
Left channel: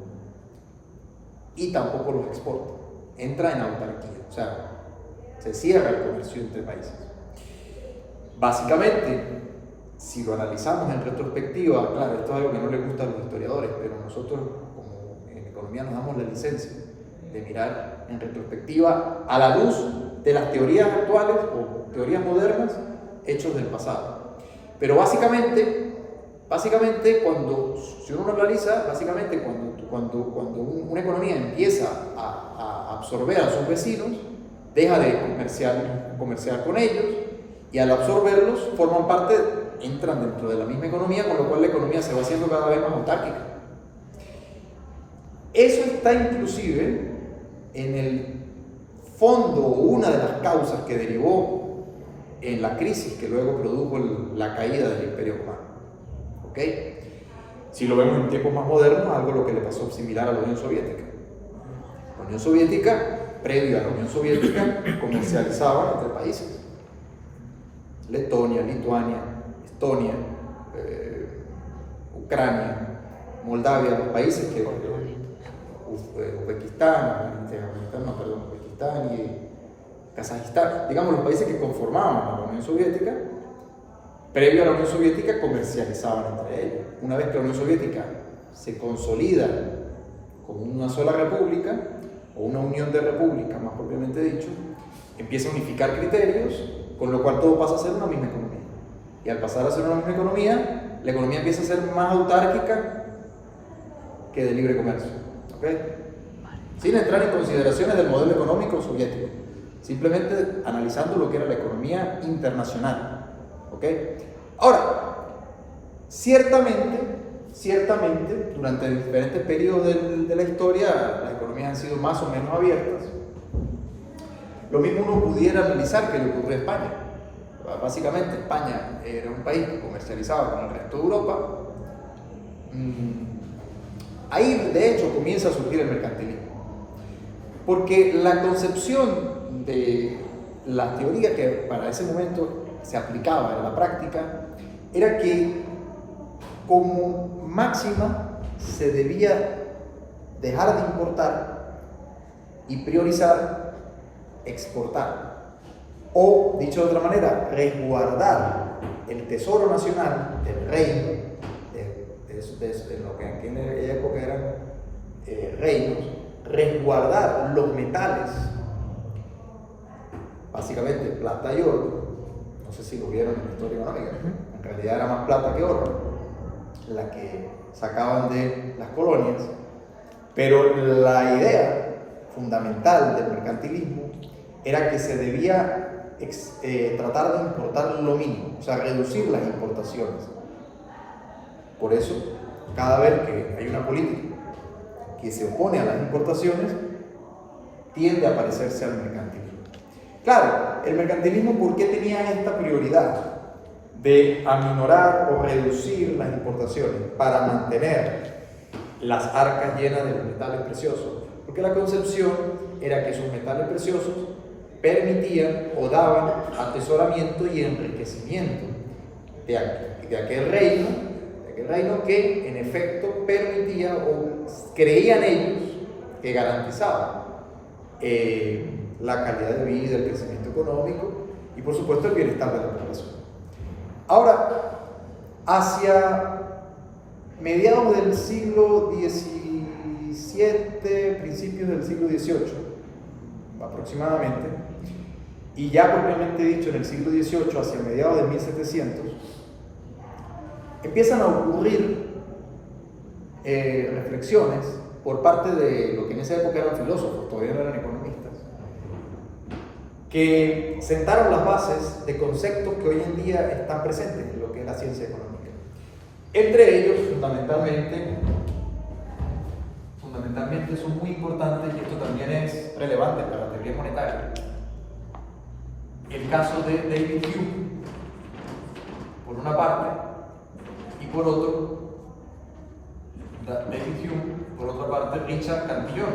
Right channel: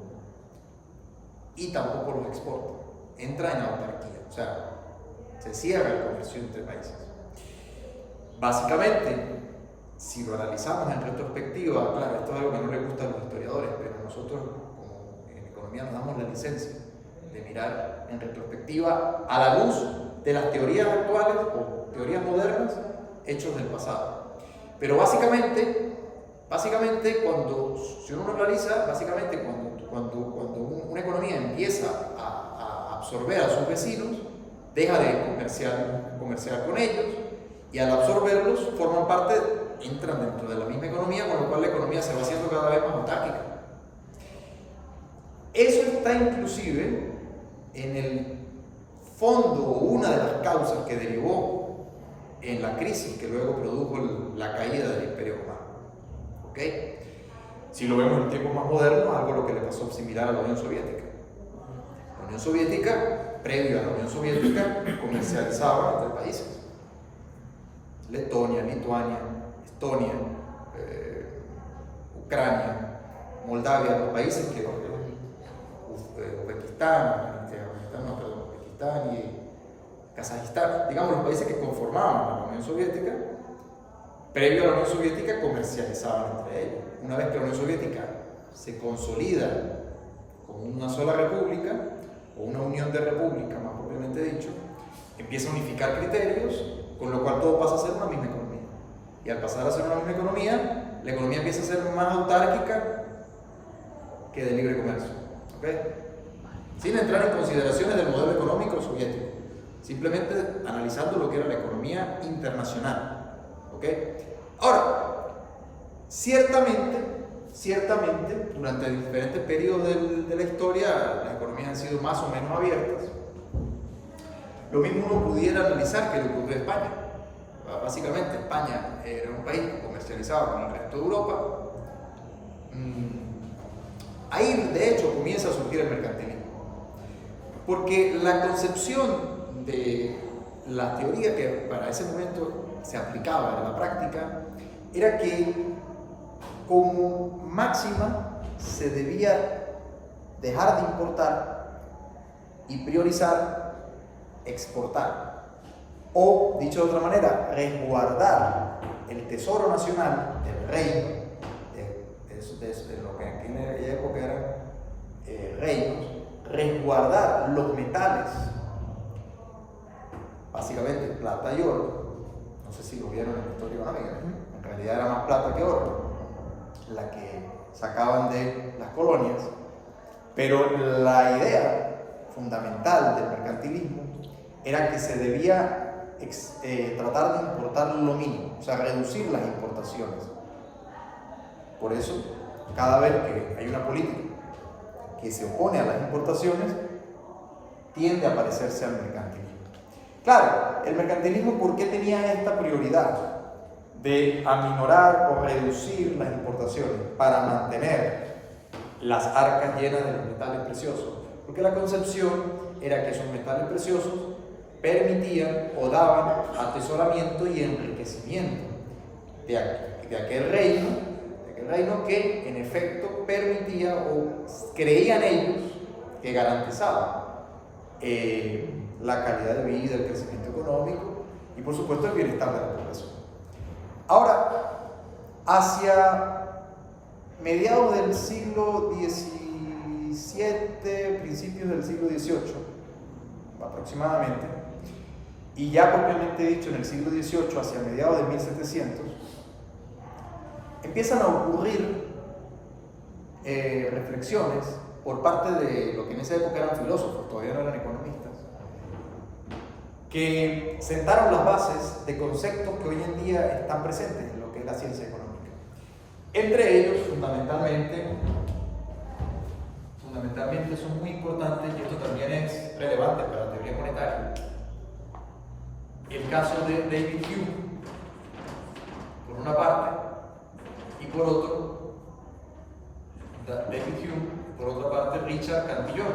y tampoco los exporta. Entra en autarquía, o sea, se cierra el comercio entre países. Básicamente, si lo analizamos en retrospectiva, claro, esto es algo que no le gusta a los historiadores, pero nosotros como en economía nos damos la licencia de mirar en retrospectiva a la luz de las teorías actuales o teorías modernas, hechos del pasado. Pero básicamente si uno lo analiza, básicamente cuando una economía empieza a absorber a sus vecinos, deja de comerciar con ellos, y al absorberlos entran dentro de la misma economía, con lo cual la economía se va haciendo cada vez más autárquica. Eso está inclusive en el fondo, una de las causas que derivó en la crisis que luego produjo la caída del Imperio Romano. ¿Ok? Si lo vemos en tiempos más modernos, algo lo que le pasó similar a la Unión Soviética. La Unión Soviética, previo a la Unión Soviética, comercializaba entre países. Letonia, Lituania, Estonia, Ucrania, Moldavia, los países que Uzbekistán y Kazajistán, digamos los países que conformaban a la Unión Soviética, previo a la Unión Soviética comercializaban entre ellos. Una vez que la Unión Soviética se consolida como una sola república, o una unión de repúblicas más propiamente dicho, empieza a unificar criterios, con lo cual todo pasa a ser una misma economía. Y al pasar a ser una misma economía, la economía empieza a ser más autárquica que de libre comercio. ¿Okay? Sin entrar en consideraciones del modelo económico soviético, simplemente analizando lo que era la economía internacional. ¿Okay? Ahora, ciertamente, durante diferentes periodos de la historia, las economías han sido más o menos abiertas. Lo mismo uno pudiera analizar que le ocurrió a España. Básicamente, España era un país que comercializaba con el resto de Europa. Ahí, de hecho, comienza a surgir el mercantilismo. Porque la concepción de la teoría que para ese momento se aplicaba en la práctica era que, como máxima, se debía dejar de importar y priorizar exportar, o dicho de otra manera, resguardar el tesoro nacional del reino, de lo que en aquella época eran reinos, resguardar los metales, básicamente plata y oro. No sé si lo vieron en la historia económica, en realidad era más plata que oro la que sacaban de las colonias, pero la idea fundamental del mercantilismo era que se debía tratar de importar lo mínimo, o sea, reducir las importaciones. Por eso, cada vez que hay una política que se opone a las importaciones, tiende a parecerse al mercantilismo. Claro, el mercantilismo, ¿por qué tenía esta prioridad de aminorar o reducir las importaciones para mantener las arcas llenas de los metales preciosos? Porque la concepción era que esos metales preciosos permitían o daban atesoramiento y enriquecimiento de aquel reino que en efecto permitía o creían ellos que garantizaba la calidad de vida, el crecimiento económico y por supuesto el bienestar de la población. Ahora, hacia mediados del siglo XVI, XVII, principios del siglo XVIII, aproximadamente, y ya propiamente dicho en el siglo XVIII, hacia mediados de 1700, empiezan a ocurrir reflexiones por parte de lo que en esa época eran filósofos, todavía no eran economistas, que sentaron las bases de conceptos que hoy en día están presentes en lo que es la ciencia económica. Entre ellos, fundamentalmente son muy importantes, y esto también es relevante para la teoría monetaria, el caso de David Hume, por una parte, y por otro, David Hume, por otra parte, Richard Cantillon.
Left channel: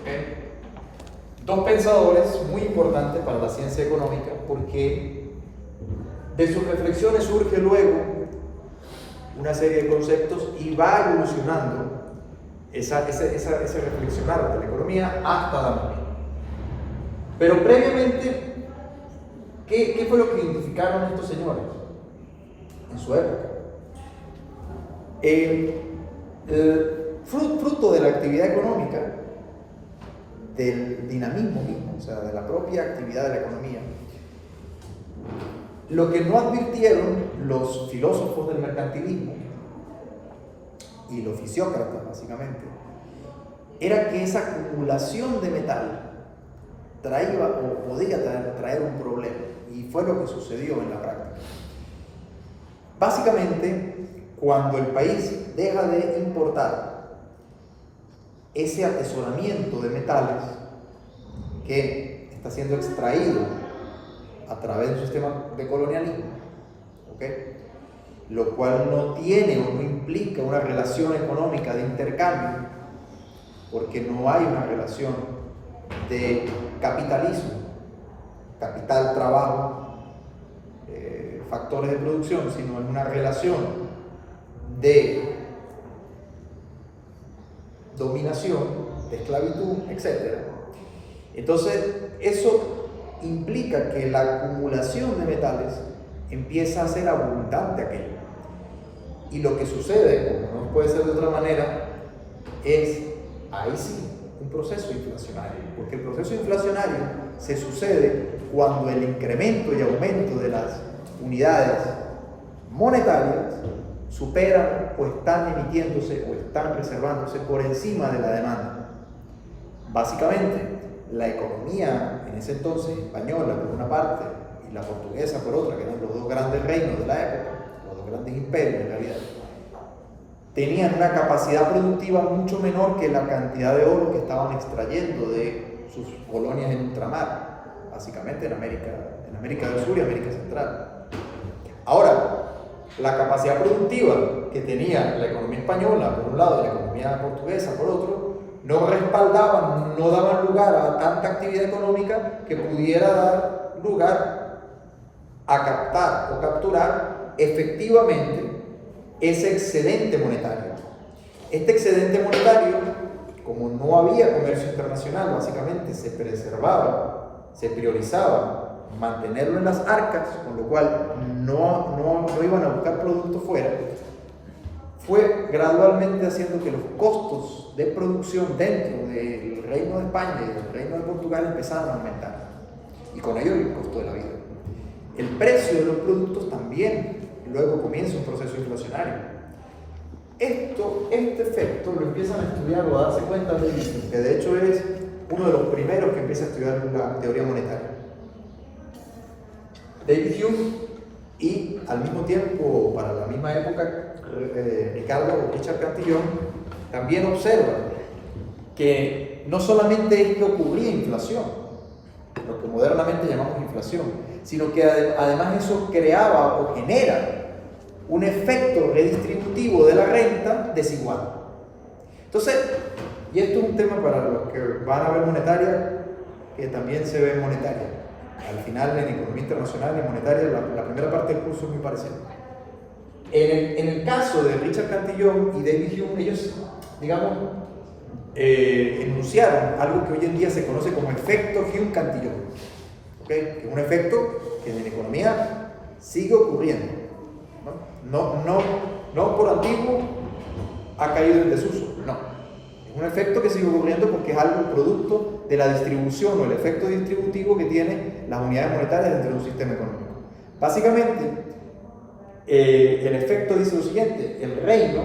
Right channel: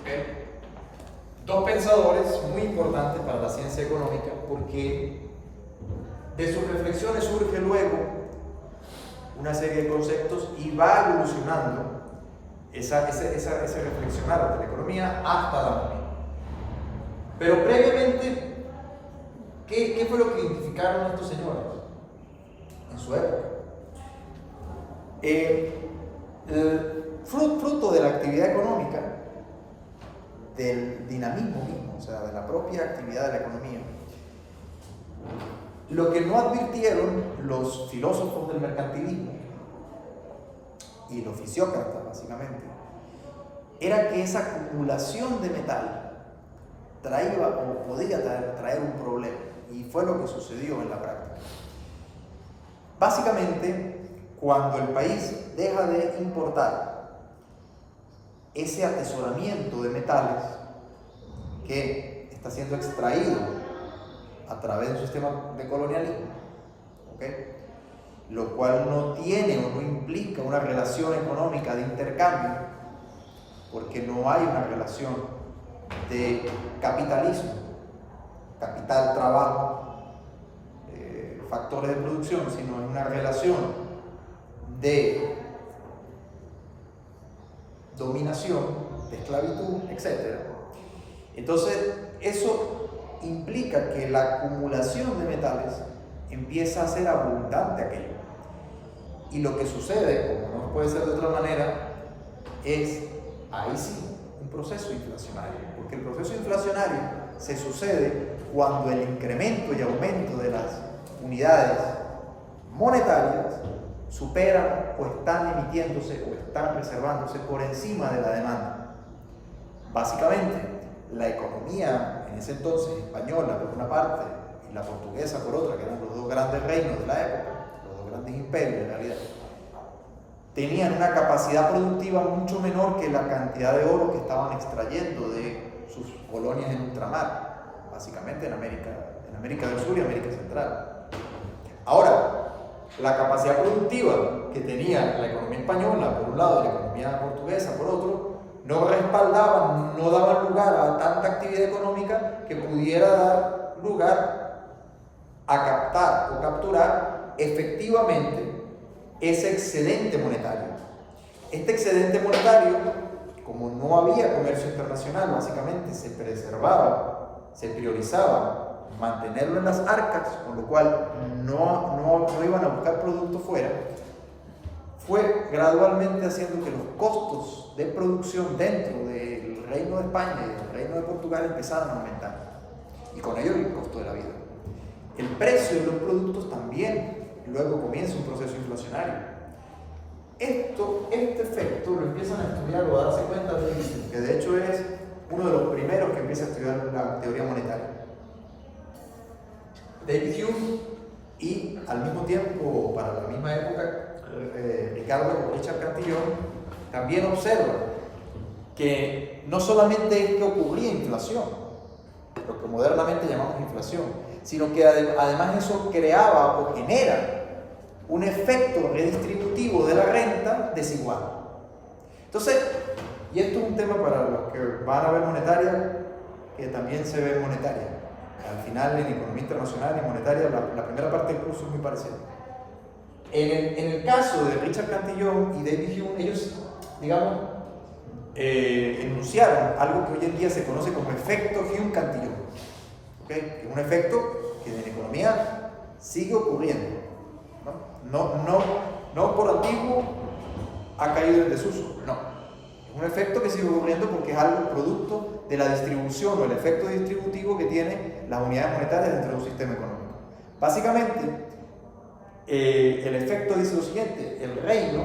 ¿Okay? Dos pensadores muy importantes para la ciencia económica, porque de sus reflexiones surge luego una serie de conceptos y va evolucionando ese reflexionar de la economía hasta Adam Smith. Pero previamente, ¿qué fue lo que identificaron estos señores en su época? Fruto de la actividad económica, del dinamismo mismo, o sea, de la propia actividad de la economía, lo que no advirtieron los filósofos del mercantilismo y los fisiócratas, básicamente, era que esa acumulación de metal traía o podía traer un problema, y fue lo que sucedió en la práctica. Básicamente, cuando el país deja de importar ese atesoramiento de metales que está siendo extraído a través del sistema de colonialismo, ¿okay? Lo cual no tiene o no implica una relación económica de intercambio, porque no hay una relación de capitalismo, capital, trabajo, factores de producción, sino en una relación de dominación, de esclavitud, etc. Entonces, eso implica que la acumulación de metales empieza a ser abundante aquello. Y lo que sucede, como no puede ser de otra manera, es, ahí sí, un proceso inflacionario. Porque el proceso inflacionario se sucede cuando el incremento y aumento de las unidades monetarias superan o están emitiéndose o están reservándose por encima de la demanda. Básicamente, la economía en ese entonces española por una parte y la portuguesa por otra, que eran los dos grandes reinos de la época, los dos grandes imperios en realidad, tenían una capacidad productiva mucho menor que la cantidad de oro que estaban extrayendo de sus colonias en ultramar, básicamente en América del Sur y América Central. Ahora, la capacidad productiva que tenía la economía española por un lado y la economía portuguesa por otro, no respaldaban, no daban lugar a tanta actividad económica que pudiera dar lugar a captar o capturar efectivamente ese excedente monetario. Este excedente monetario, como no había comercio internacional, básicamente se preservaba, se priorizaba mantenerlo en las arcas, con lo cual no iban a buscar productos fuera, fue gradualmente haciendo que los costos de producción dentro del Reino de España y del Reino de Portugal empezaran a aumentar, y con ello el costo de la vida. El precio de los productos también luego comienza un proceso inflacionario. Este efecto lo empiezan a estudiar o a darse cuenta de Hume, que de hecho es uno de los primeros que empieza a estudiar la teoría monetaria. David Hume, y al mismo tiempo, para la misma época, Richard Cantillon también observa que no solamente es que ocurría inflación, lo que modernamente llamamos inflación, sino que además eso creaba o genera un efecto redistributivo de la renta desigual. Entonces, y esto es un tema para los que van a ver monetaria, que también se ve monetaria. Al final, en economía internacional y monetaria, la primera parte del curso es muy parecida. En el caso de Richard Cantillon y David Hume, ellos, digamos, enunciaron algo que hoy en día se conoce como efecto Hume-Cantillon, ¿okay? Que es un efecto que en la economía sigue ocurriendo, no por antiguo, ha caído en desuso. No, es un efecto que sigue ocurriendo porque es algo producto de la distribución o el efecto distributivo que tienen las unidades monetarias dentro de un sistema económico. Básicamente, el efecto dice lo siguiente: el reino,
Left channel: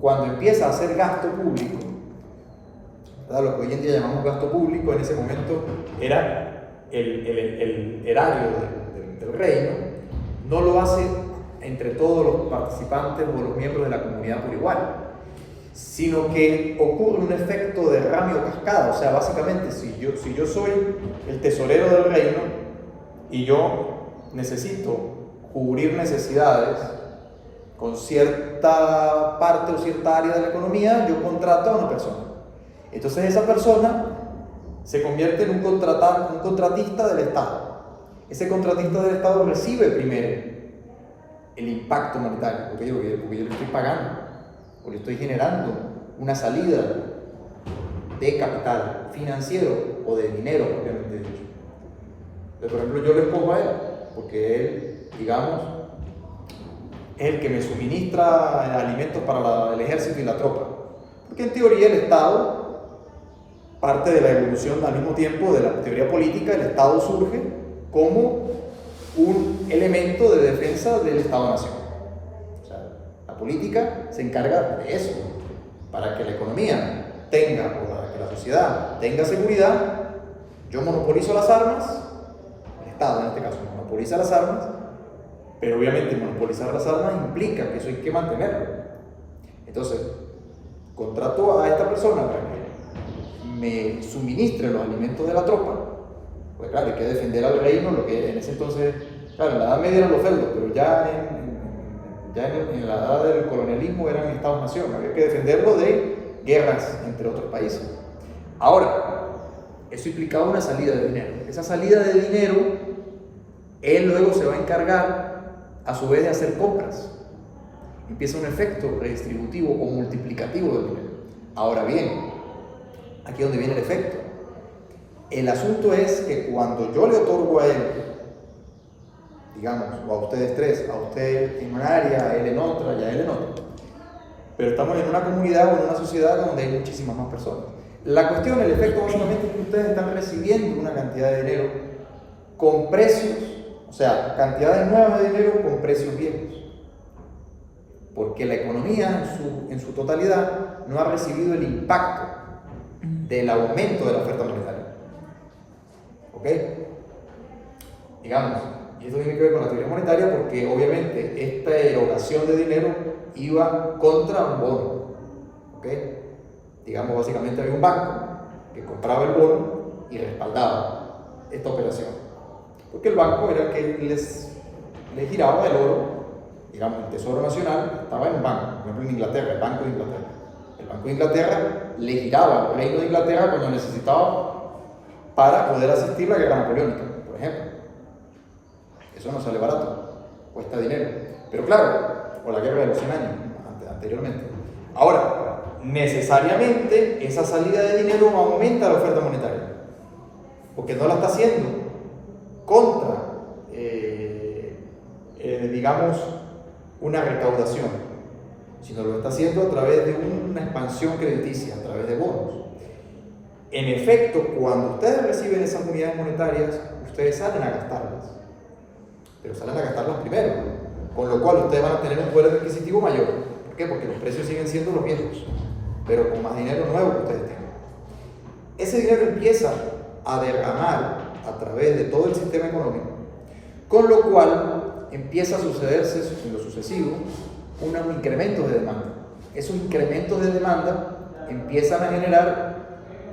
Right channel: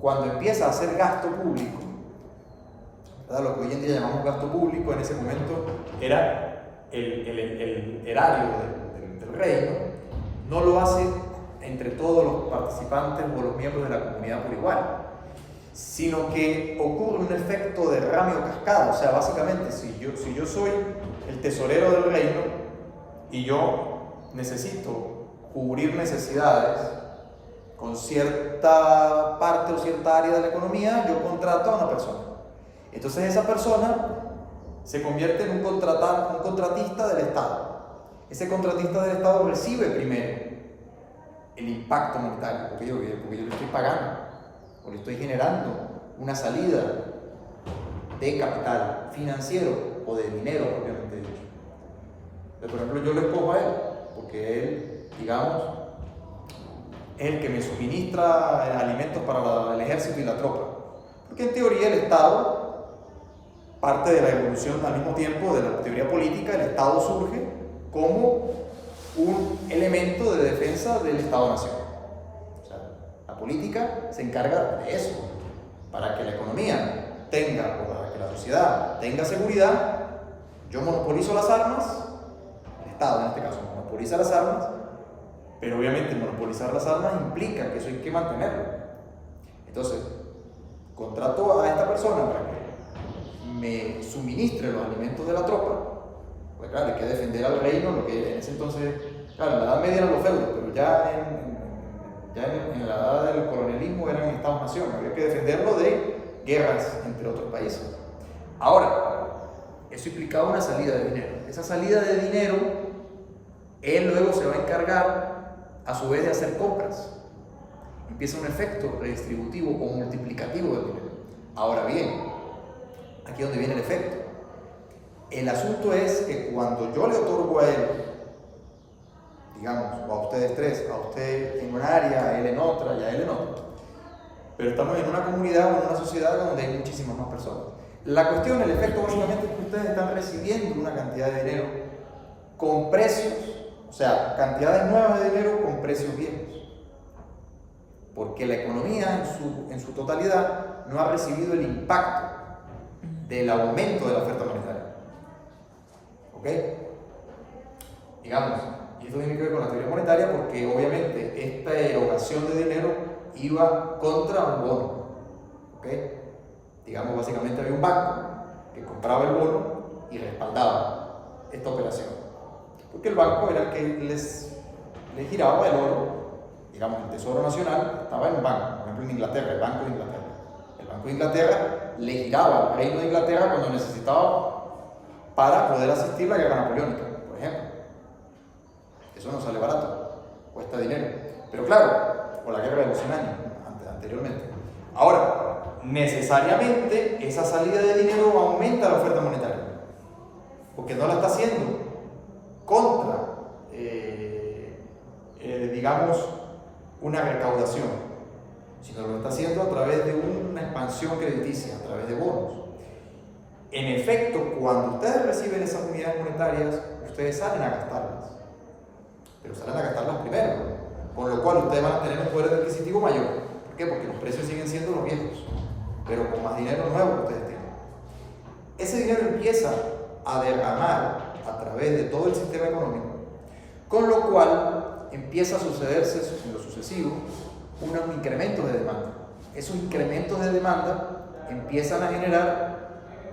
cuando empieza a hacer gasto público, ¿verdad? Lo que hoy en día llamamos gasto público, en ese momento era el erario del reino, no lo hace entre todos los participantes o los miembros de la comunidad por igual, sino que ocurre un efecto de derrame o cascada. O sea, básicamente, si yo soy el tesorero del reino y yo necesito cubrir necesidades con cierta parte o cierta área de la economía, yo contrato a una persona. Entonces esa persona se convierte en un contratista del Estado. Ese contratista del Estado recibe primero el impacto monetario, porque yo le estoy pagando o le estoy generando una salida de capital financiero o de dinero propiamente dicho. Por ejemplo, yo lo escojo a él porque él, digamos, es el que me suministra alimentos para el ejército y la tropa, porque en teoría el Estado, parte de la evolución al mismo tiempo de la teoría política, el Estado surge como un elemento de defensa del Estado-Nación. O sea, la política se encarga de eso, para que la economía tenga, o para que la sociedad tenga seguridad. Yo monopolizo las armas, el Estado en este caso monopoliza las armas, pero obviamente monopolizar las armas implica que eso hay que mantenerlo. Entonces, contrato a esta persona para que me suministre los alimentos de la tropa. Pues claro, hay que defender al reino, lo que en ese entonces, claro, en la Edad Media eran los feudos, pero ya en la edad del colonialismo eran estados-nación, había que defenderlo de guerras entre otros países. Ahora, eso implicaba una salida de dinero. Esa salida de dinero, él luego se va a encargar, a su vez, de hacer compras. Empieza un efecto redistributivo o multiplicativo del dinero. Ahora bien, aquí es donde viene el efecto. El asunto es que cuando yo le otorgo a él, digamos, o a ustedes tres, a usted en un área, a él en otra y a él en otra, pero estamos en una comunidad o en una sociedad donde hay muchísimas más personas. La cuestión, el efecto básicamente es que ustedes están recibiendo una cantidad de dinero con precios, o sea, cantidades nuevas de dinero con precios viejos. Porque la economía en su totalidad no ha recibido el impacto del aumento de la oferta monetaria. ¿Ok? Digamos, y esto tiene que ver con la teoría monetaria porque obviamente esta erogación de dinero iba contra un bono. ¿Ok? Digamos, básicamente había un banco que compraba el bono y respaldaba esta operación. Porque el banco era el que les giraba el oro. Digamos, el Tesoro Nacional estaba en un banco, por ejemplo en Inglaterra, el Banco de Inglaterra. El Banco de Inglaterra le giraba al Reino de Inglaterra cuando necesitaba para poder asistir a la guerra napoleónica, por ejemplo. Eso no sale barato, cuesta dinero. Pero claro, o la guerra de los 100 años, anteriormente. Ahora, necesariamente esa salida de dinero aumenta la oferta monetaria, porque no la está haciendo contra, digamos, una recaudación, sino lo está haciendo a través de una expansión crediticia, a través de bonos. En efecto, cuando ustedes reciben esas unidades monetarias, ustedes salen a gastarlas, pero salen a gastarlas primero, con lo cual ustedes van a tener un poder adquisitivo mayor. ¿Por qué? Porque los precios siguen siendo los viejos, pero con más dinero nuevo que ustedes tienen. Ese dinero empieza a derramar a través de todo el sistema económico, con lo cual empieza a sucederse en lo sucesivo unos incrementos de demanda. Esos incrementos de demanda empiezan a generar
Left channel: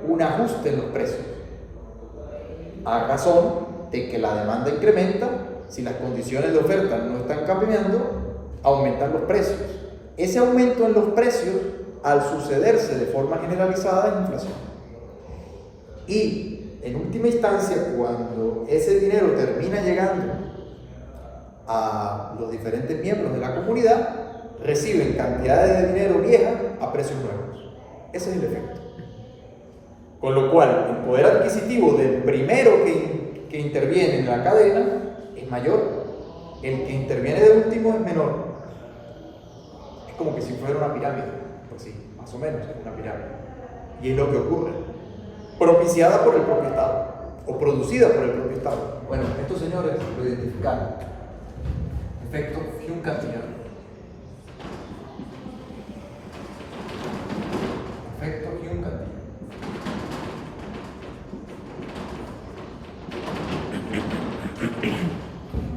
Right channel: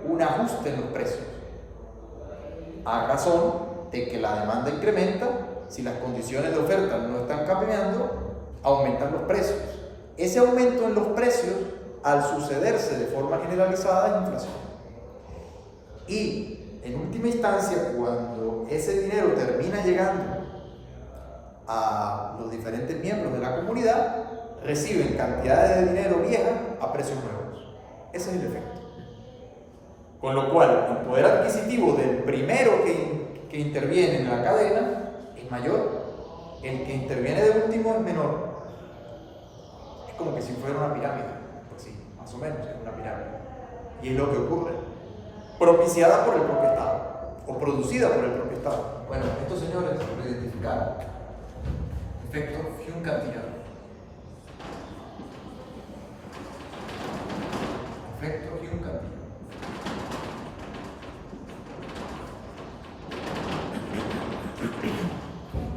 un ajuste en los precios, a razón de que la demanda incrementa. Si las condiciones de oferta no están cambiando, aumentan los precios. Ese aumento en los precios, al sucederse de forma generalizada, es inflación. Y en última instancia, cuando ese dinero termina llegando a los diferentes miembros de la comunidad, reciben cantidades de dinero viejas a precios nuevos. Ese es el efecto. Con lo cual, el poder adquisitivo del primero que interviene en la cadena es mayor, el que interviene de último es menor. Es como que si fuera una pirámide. más o menos, es una pirámide. Y es lo que ocurre, propiciada por el propio Estado, o producida por el propio Estado. Bueno, estos señores lo identificaron. Efecto Hume-Cantillon. Efecto Hume-Cantillon.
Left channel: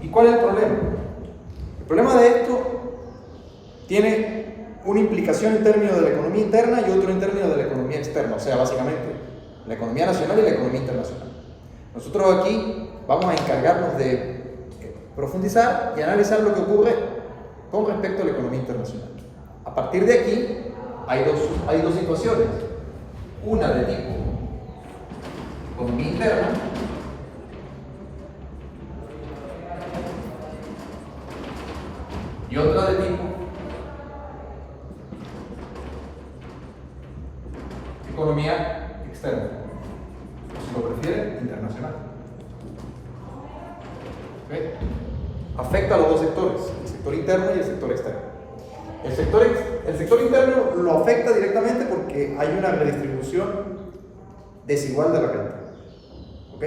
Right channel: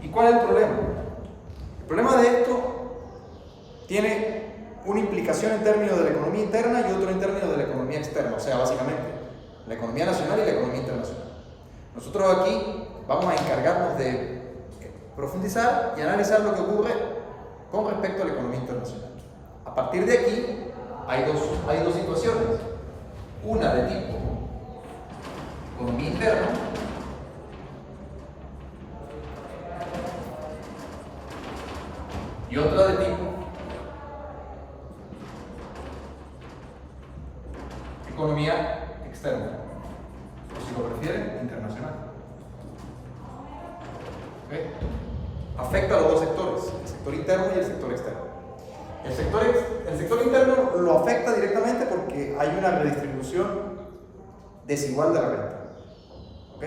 ¿Y cuál es el problema? El problema de esto tiene una implicación en términos de la economía interna y otro en términos de la economía externa, o sea, básicamente la economía nacional y la economía internacional. Nosotros aquí vamos a encargarnos de profundizar y analizar lo que ocurre con respecto a la economía internacional. A partir de aquí hay dos situaciones, una de tipo economía interna y otra de tipo economía externa, o si lo prefieren, internacional. ¿Okay? Afecta a los dos sectores, el sector interno y el sector externo. El sector interno lo afecta directamente porque hay una redistribución desigual de la renta. ¿Ok?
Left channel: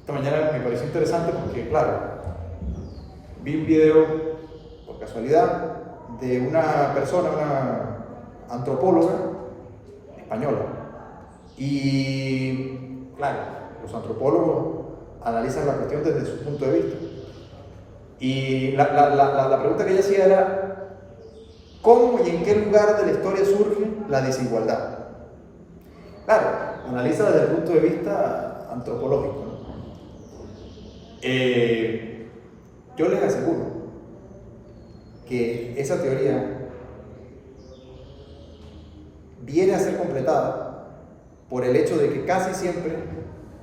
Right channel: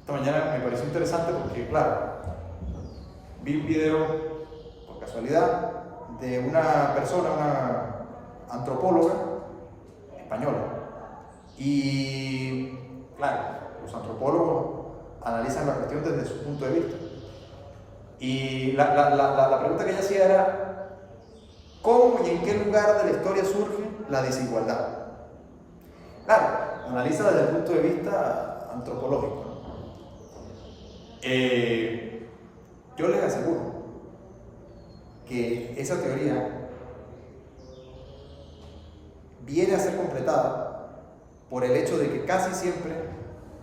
Esta mañana me pareció interesante porque, claro, vi un video, por casualidad, de una persona, una antropóloga española. Y, claro, los antropólogos analizan la cuestión desde su punto de vista. Y la pregunta que ella hacía era, ¿cómo y en qué lugar de la historia surge la desigualdad? Claro, analiza desde el punto de vista antropológico, ¿no? Yo les aseguro que esa teoría viene a ser completada por el hecho de que casi siempre,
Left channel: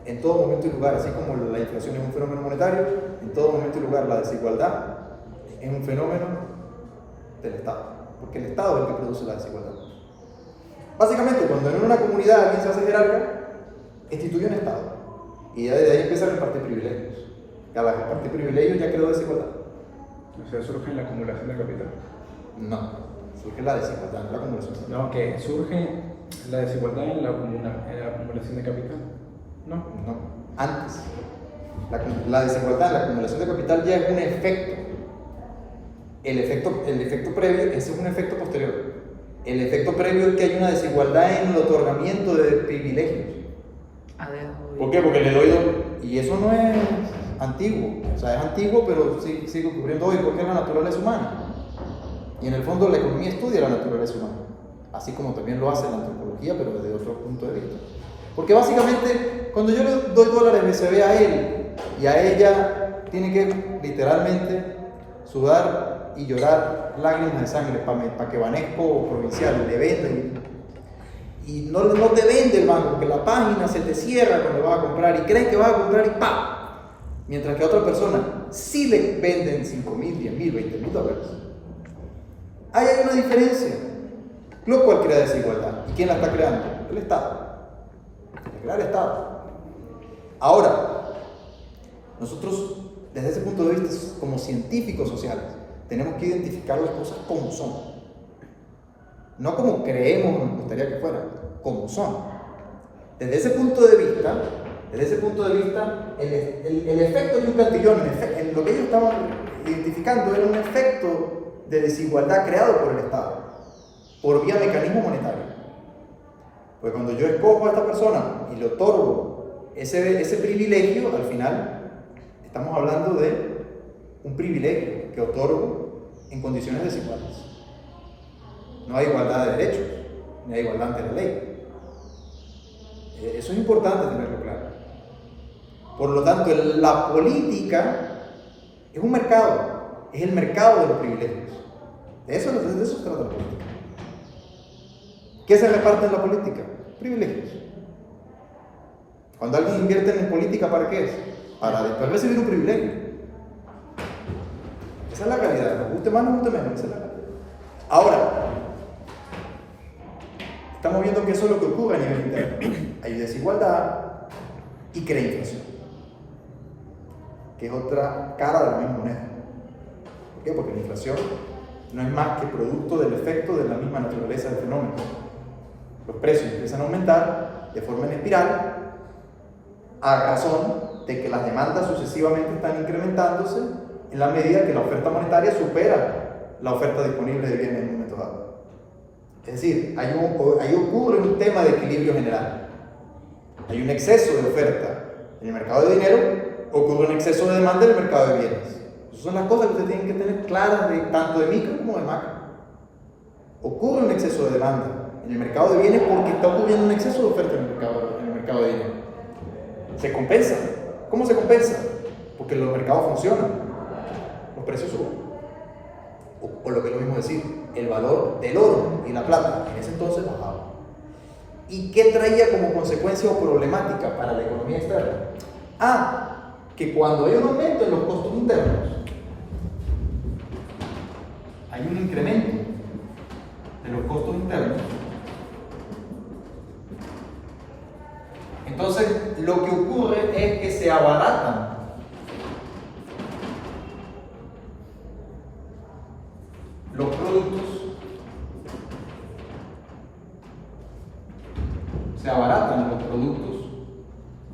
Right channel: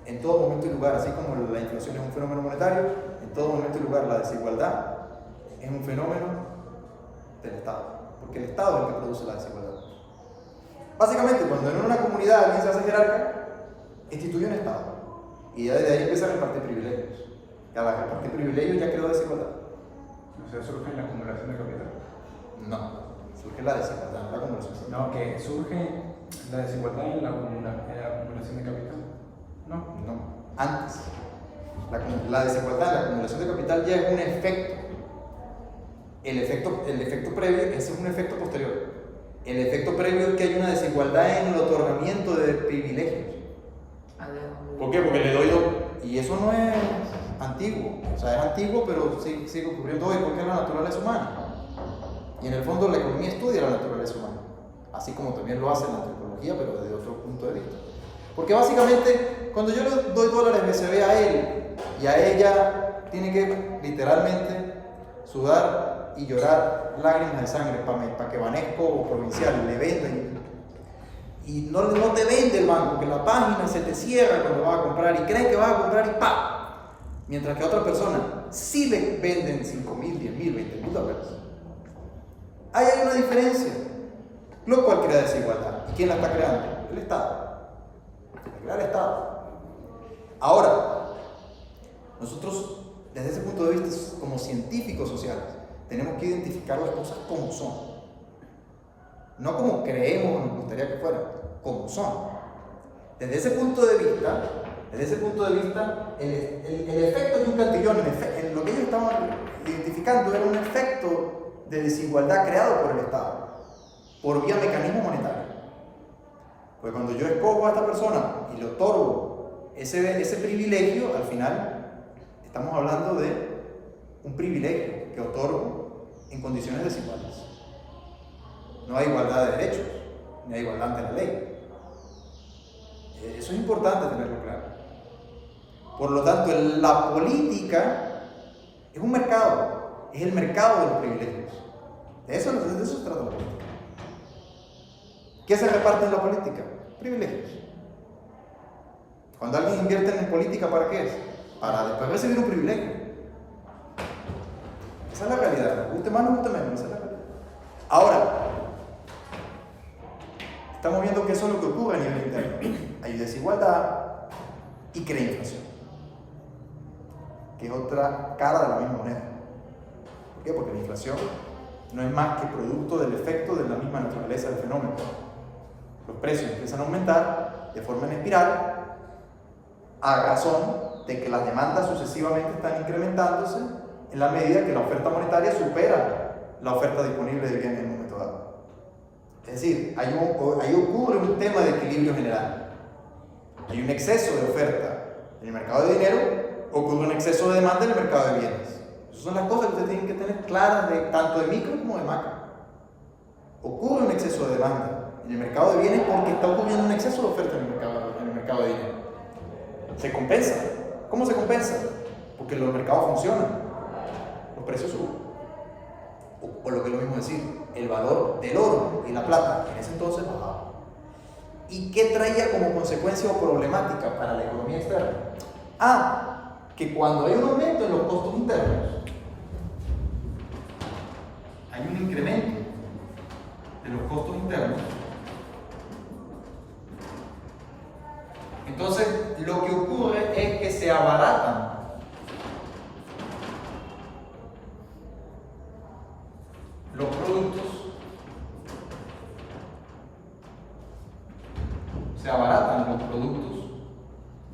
en todo momento y lugar, así como la inflación es un fenómeno monetario, en todo momento y lugar la desigualdad es un fenómeno del Estado, porque el Estado es el que produce la desigualdad. Básicamente, cuando en una comunidad alguien se hace jerarca, instituye un Estado, y ya desde ahí empieza a repartir privilegios. Y al repartir privilegios ya creó desigualdad. O sea, surge en la acumulación de capital. No, surge la desigualdad, no la acumulación. No, que surge la desigualdad en la acumulación de capital. No. No, antes. La desigualdad en la acumulación de capital ya es un efecto. El efecto previo, ese es un efecto posterior. El efecto previo es que hay una desigualdad en el otorgamiento de privilegios. ¿Por qué? Porque le doy y eso no es antiguo, o sea, es antiguo, pero sigue ocurriendo hoy porque es la naturaleza humana. Y en el fondo la economía estudia la naturaleza humana, así como también lo hace la antropología, pero desde otro punto de vista. Porque básicamente, cuando yo le doy dólares BCB a él y a ella, tiene que literalmente sudar y llorar lágrimas de sangre para que Banesco Provincial le venda y no te vende el banco, porque la página se te cierra cuando vas a comprar y crees que vas a comprar y ¡pam! Mientras que a otra persona sí le venden 5.000, 10.000, 20.000 dólares. Ahí hay una diferencia, lo cual crea desigualdad. ¿Y quién la está creando? El Estado. La crea el Estado. Ahora, nosotros, desde ese punto de vista, como científicos sociales, tenemos que identificar las cosas como son. No como creemos o nos gustaría que fueran, como son. Desde ese punto de vista, el efecto de un cantillón, en lo que ellos estaban identificando, era un efecto de desigualdad creado por el Estado, por vía mecanismo monetario. Porque cuando yo escojo a esta persona y le otorgo ese privilegio, al final estamos hablando de un privilegio que otorgo en condiciones desiguales. No hay igualdad de derechos, ni hay igualdad ante la ley. Eso es importante tenerlo claro. Por lo tanto, la política es un mercado, es el mercado de los privilegios. De eso se trata la política. ¿Qué se reparte en la política? Privilegios. Cuando alguien invierte en política, ¿para qué es? Para después recibir un privilegio. Esa es la realidad. Nos guste más, nos guste menos. Esa es la realidad. Ahora, estamos viendo que eso es lo que ocurre a nivel interno. Hay desigualdad y crea inflación, que es otra cara de la misma moneda. ¿Por qué? Porque la inflación no es más que producto del efecto de la misma naturaleza del fenómeno. Los precios empiezan a aumentar de forma en espiral a razón de que las demandas sucesivamente están incrementándose en la medida que la oferta monetaria supera la oferta disponible de bienes en un momento dado. Es decir, ahí ocurre un tema de equilibrio general. Hay un exceso de oferta en el mercado de dinero, ocurre un exceso de demanda en el mercado de bienes. Esas son las cosas que ustedes tienen que tener claras tanto de micro como de macro. Ocurre un exceso de demanda en el mercado de bienes porque está ocurriendo un exceso de oferta en el mercado de dinero. Se compensa. ¿Cómo se compensa? Porque los mercados funcionan, los precios suben. O lo que es lo mismo decir, el valor del oro y la plata en ese entonces bajaba. ¿Y qué traía como consecuencia o problemática para la economía externa? Que cuando hay un aumento en los costos internos, hay un incremento de los costos internos. Entonces, lo que ocurre es que se abaratan los productos,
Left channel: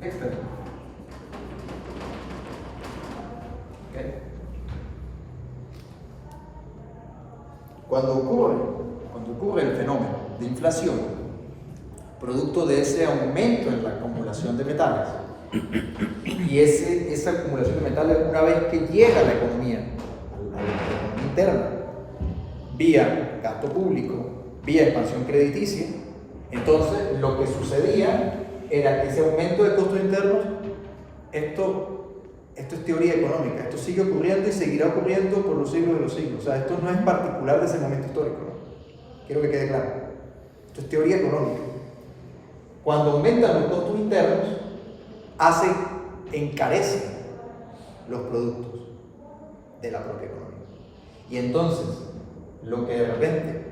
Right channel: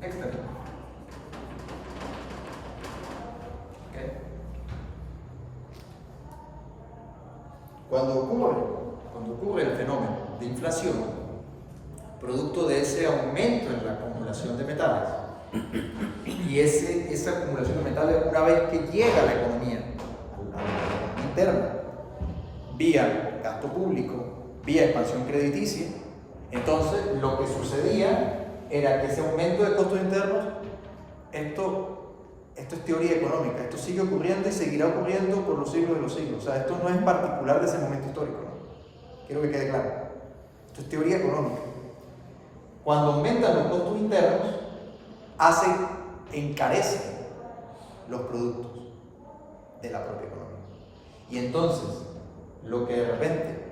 externos. ¿Okay? Cuando ocurre el fenómeno de inflación, producto de ese aumento en la acumulación de metales, y esa acumulación de metales, una vez que llega a la economía interna, vía gasto público, vía expansión crediticia, entonces lo que sucedía era que ese aumento de costos internos, esto es teoría económica, esto sigue ocurriendo y seguirá ocurriendo por los siglos de los siglos. O sea, esto no es particular de ese momento histórico, ¿no? Quiero que quede claro. Esto es teoría económica. Cuando aumentan los costos internos, encarecen los productos de la propia economía. Y entonces, lo que de repente,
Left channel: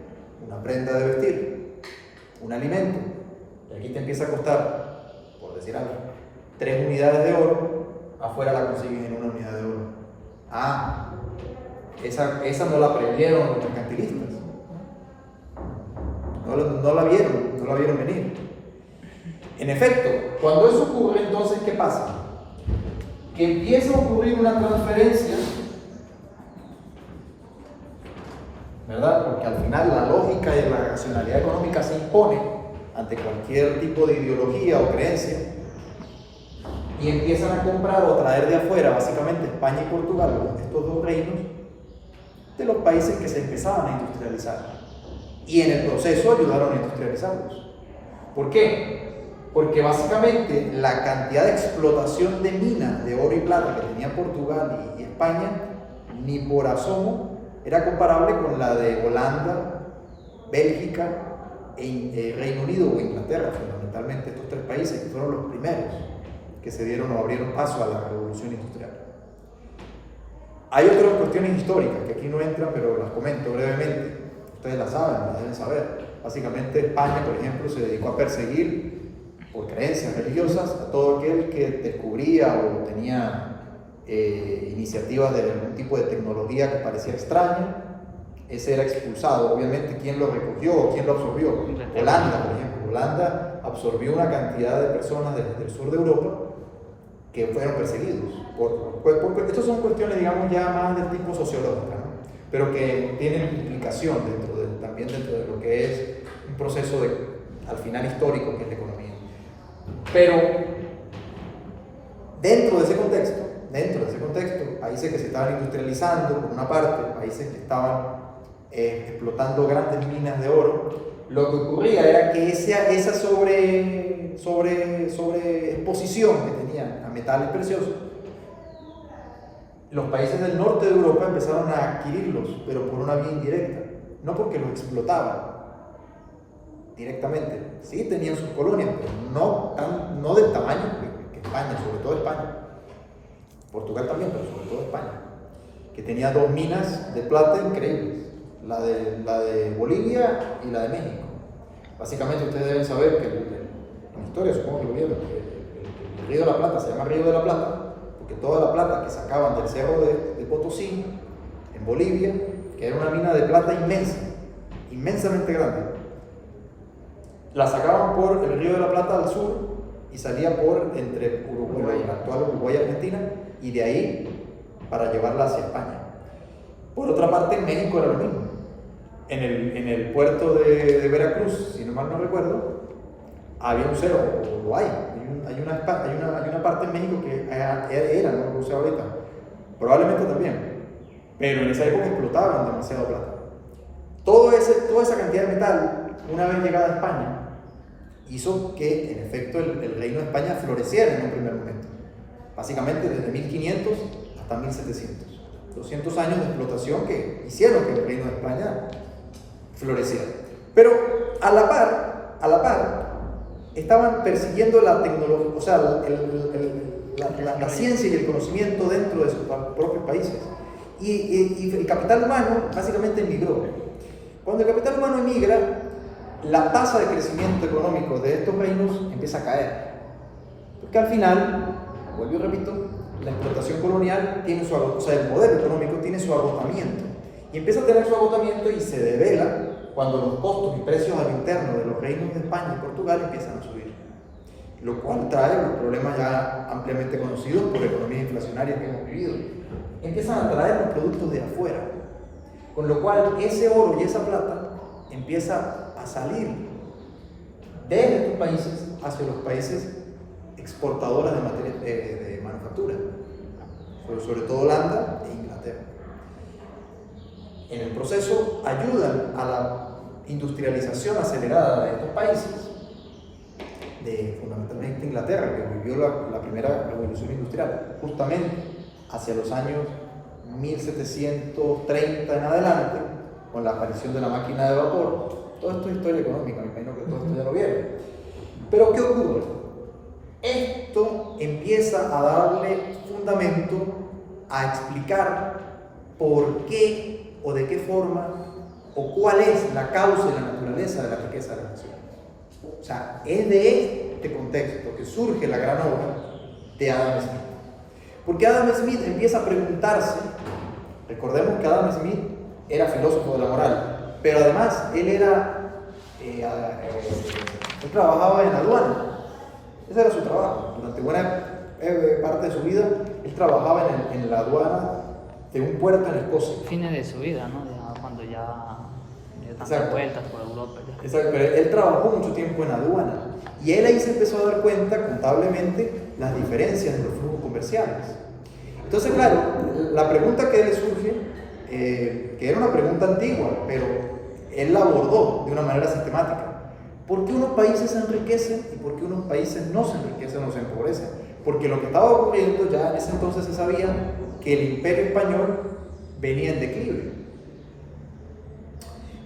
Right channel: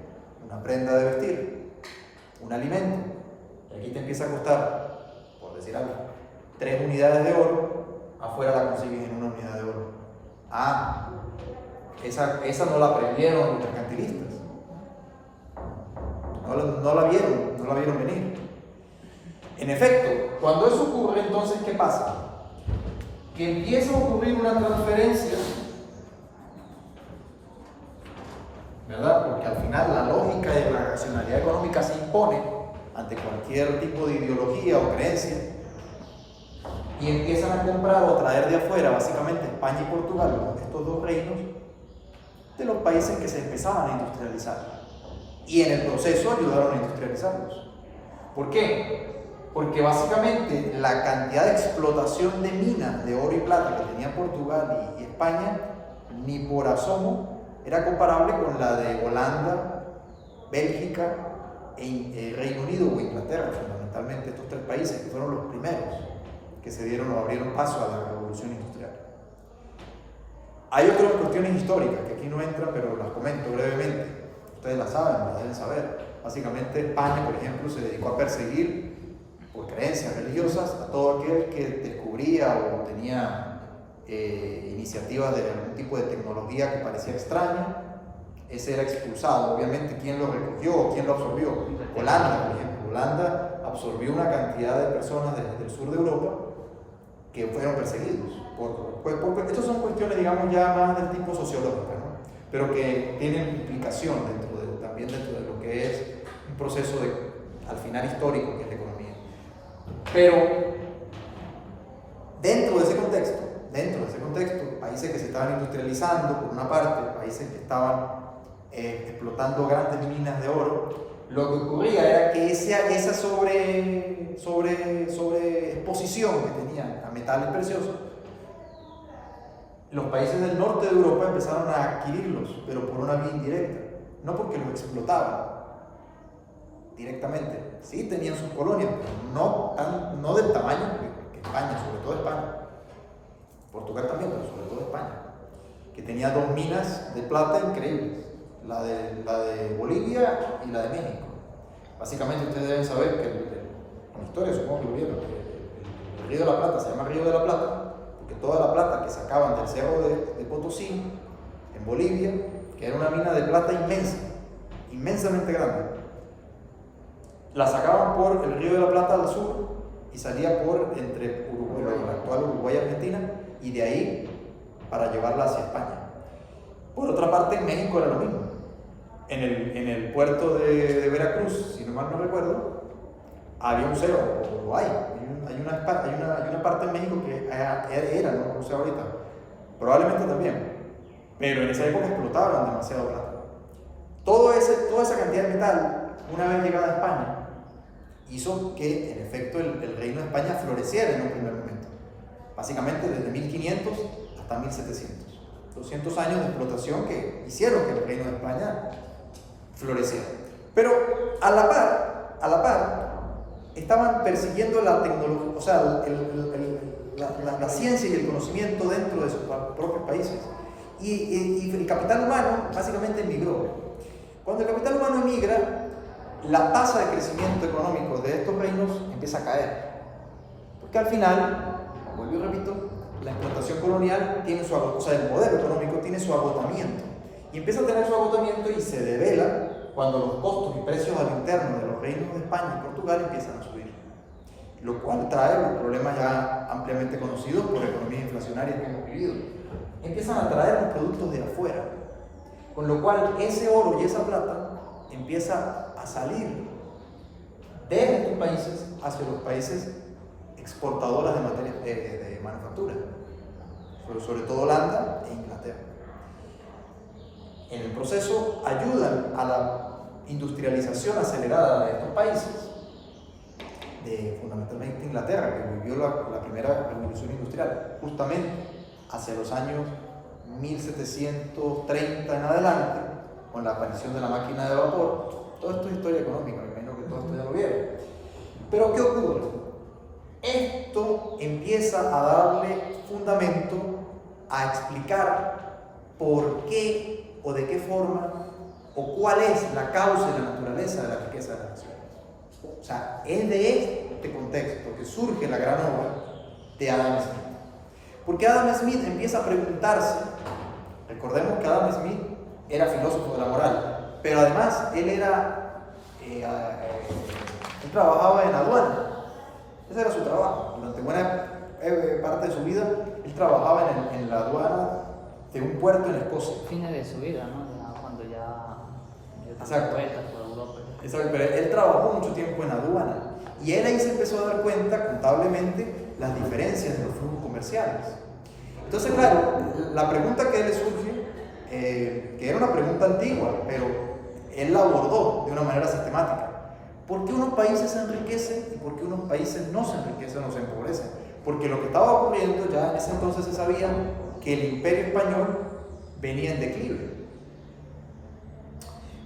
una prenda de vestir, un alimento, y aquí te empieza a costar, por decir algo, 3 unidades de oro, afuera la consigues en 1 unidad de oro. Esa no la previeron los mercantilistas. No la vieron venir. En efecto, cuando eso ocurre, entonces, ¿qué pasa? Que empieza a ocurrir una transferencia, ¿verdad? Porque al final la lógica y la racionalidad económica se impone ante cualquier tipo de ideología o creencia, y empiezan a comprar o traer de afuera, básicamente España y Portugal, estos 2 reinos, de los países que se empezaban a industrializar, y en el proceso ayudaron a industrializarlos. ¿Por qué? Porque básicamente la cantidad de explotación de minas de oro y plata que tenía Portugal y España, ni por asomo era comparable con la de Holanda, Bélgica, Reino Unido o Inglaterra, fundamentalmente estos 3 países que fueron los primeros que se dieron o abrieron paso a la revolución industrial. Hay otras cuestiones históricas que aquí no entran, pero las comento brevemente. Ustedes las saben, las deben saber. Básicamente España, por ejemplo, se dedicó a perseguir por creencias religiosas a todo aquel que descubría o tenía iniciativas de algún tipo de tecnología que parecía extraña. Ese era expulsado. Obviamente, ¿quién lo recogió o quién lo absorbió? Holanda, por ejemplo. Holanda absorbió una cantidad de personas del sur de Europa que fueron perseguidos. Estas son cuestiones, digamos, ya más del tipo sociológica, ¿no? Pero que tienen implicación también dentro de lo que es un proceso al final histórico que es la economía. Pero dentro de ese contexto, países que se estaban industrializando por una parte, países que estaban explotando grandes minas de oro, lo que ocurría era que esa sobreexposición que tenían a metales preciosos, los países del norte de Europa empezaron a adquirirlos, pero por una vía indirecta, no porque los explotaban directamente. Sí tenían sus colonias, pero no del tamaño que España, sobre todo España. Portugal también, pero sobre todo España, que tenía 2 minas de plata increíbles, la de Bolivia y la de México. Básicamente ustedes deben saber que en historia, supongo que lo vieron, que el Río de la Plata se llama Río de la Plata porque toda la plata que sacaban del cerro de Potosí, en Bolivia, que era una mina de plata inmensa, inmensamente grande. La sacaban por el Río de la Plata al sur y salía por entre Uruguay, la actual Uruguay y Argentina, y de ahí para llevarla hacia España. Por otra parte, en México era lo mismo. En el puerto de Veracruz, si no mal no recuerdo, había un cerro, o lo hay una parte en México que era, no lo sé ahorita, probablemente también, pero en esa época explotaban demasiado plata. Toda esa cantidad de metal, una vez llegada a España, hizo que en efecto el reino de España floreciera en un primer momento, básicamente desde 1500 hasta 1700. 200 años de explotación que hicieron que el reino de España floreciera. Pero a la par, estaban persiguiendo la tecnología, o sea, la ciencia y el conocimiento dentro de sus propios países. Y el capital humano básicamente emigró. Cuando el capital humano emigra, la tasa de crecimiento económico de estos reinos empieza a caer. Porque al final, vuelvo y repito, la explotación colonial tiene su agotamiento, o sea, el modelo económico tiene su agotamiento. Y empieza a tener su agotamiento y se devela cuando los costos y precios al interno de los reinos de España y Portugal empiezan a subir. Lo cual trae los problemas ya ampliamente conocidos por economías inflacionarias que hemos vivido. Empiezan a traer los productos de afuera. Con lo cual ese oro y esa plata empieza a salir de estos países hacia los países exportadoras de materias de manufactura, sobre todo Holanda e Inglaterra. En el proceso ayudan a la industrialización acelerada de estos países, fundamentalmente Inglaterra, que vivió la primera revolución industrial, justamente hacia los años 1730 en adelante, con la aparición de la máquina de vapor. Todo esto es historia económica, me imagino que todo esto ya lo vieron. Pero ¿qué ocurre? Esto empieza a darle fundamento a explicar por qué o de qué forma o cuál es la causa y la naturaleza de la riqueza de la nación. O sea, es de este contexto que surge la gran obra de Adam Smith. Porque Adam Smith empieza a preguntarse, recordemos que Adam Smith era filósofo de la moral, pero además él trabajaba en aduana. Ese era su trabajo. Durante buena parte de su vida, él trabajaba en la aduana de un puerto en Escocia. Fines de su vida, ¿no? Cuando ya Exacto. vueltas por Europa. Exacto, pero él trabajó mucho tiempo en aduana. Y él ahí se empezó a dar cuenta contablemente las diferencias de los flujos comerciales. Entonces, claro, la pregunta que le surge, que era una pregunta antigua, pero él la abordó de una manera sistemática. ¿Por qué unos países se enriquecen y por qué unos países no se enriquecen o se empobrecen? Porque lo que estaba ocurriendo ya en ese entonces se sabía que el imperio español venía en declive,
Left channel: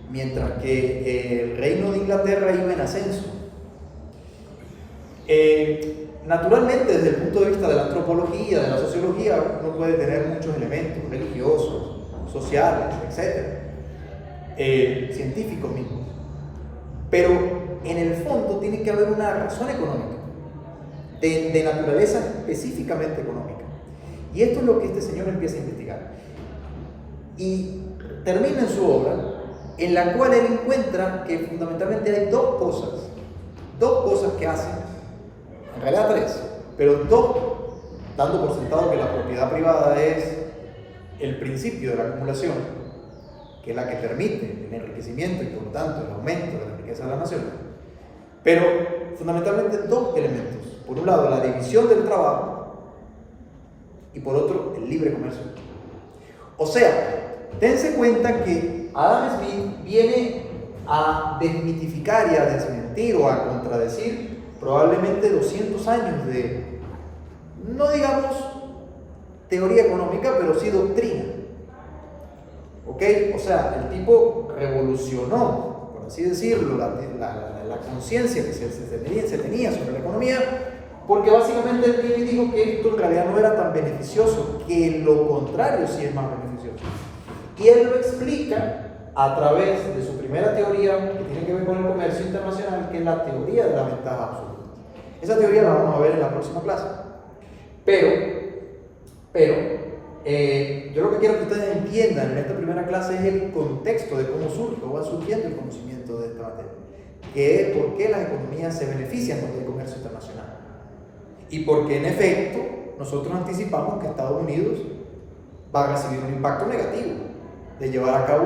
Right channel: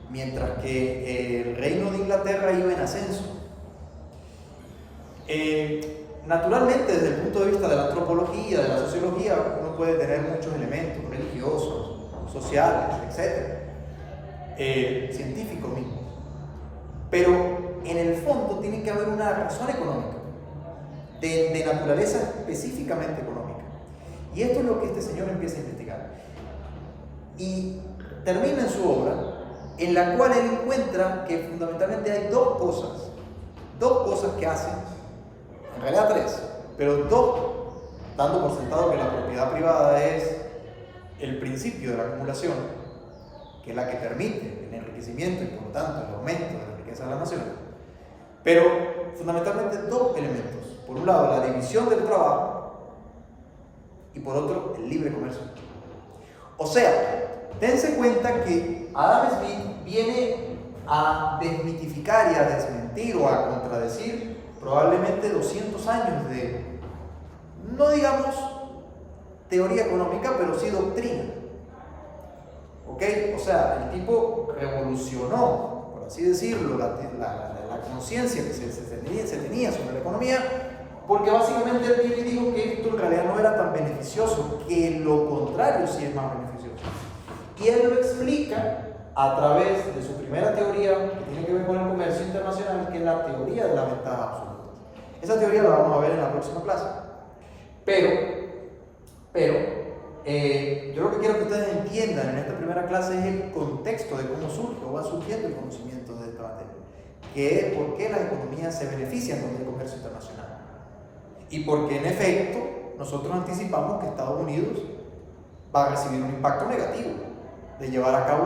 mientras que el reino de Inglaterra iba en ascenso. Naturalmente, desde el punto de vista de la antropología, de la sociología, uno puede tener muchos elementos religiosos, sociales, etc., científicos mismos. Pero en el fondo tiene que haber una razón económica, de naturaleza específicamente económica. Y esto es lo que este señor empieza a investigar. Y termina en su obra, en la cual él encuentra que fundamentalmente hay dos cosas que hacen, en realidad tres, pero dos, dando por sentado que la propiedad privada es el principio de la acumulación, que es la que permite el enriquecimiento y por lo tanto el aumento de la riqueza de la nación. Pero fundamentalmente dos elementos. Por un lado, la división del trabajo y por otro, el libre comercio. O sea, dense cuenta que Adam Smith viene a desmitificar y a desmentir o a contradecir probablemente 200 años de, no digamos teoría económica, pero sí doctrina. ¿Ok? O sea, el tipo revolucionó, por así decirlo, la conciencia que se tenía sobre la economía, porque básicamente él viene y dijo que esto en realidad no era tan beneficioso, que lo contrario sí es más beneficioso. Y él lo explica a través de su primera teoría, que tiene que ver con el comercio internacional, que es la teoría de la ventaja absoluta. Esa teoría la vamos a ver en la próxima clase. Pero Yo lo que quiero que ustedes entiendan en esta primera clase es el contexto de cómo surge o va surgiendo el conocimiento de esta materia, que es por qué las economías se benefician con el comercio internacional y por qué en efecto nosotros anticipamos que Estados Unidos va a recibir un impacto negativo de llevar a cabo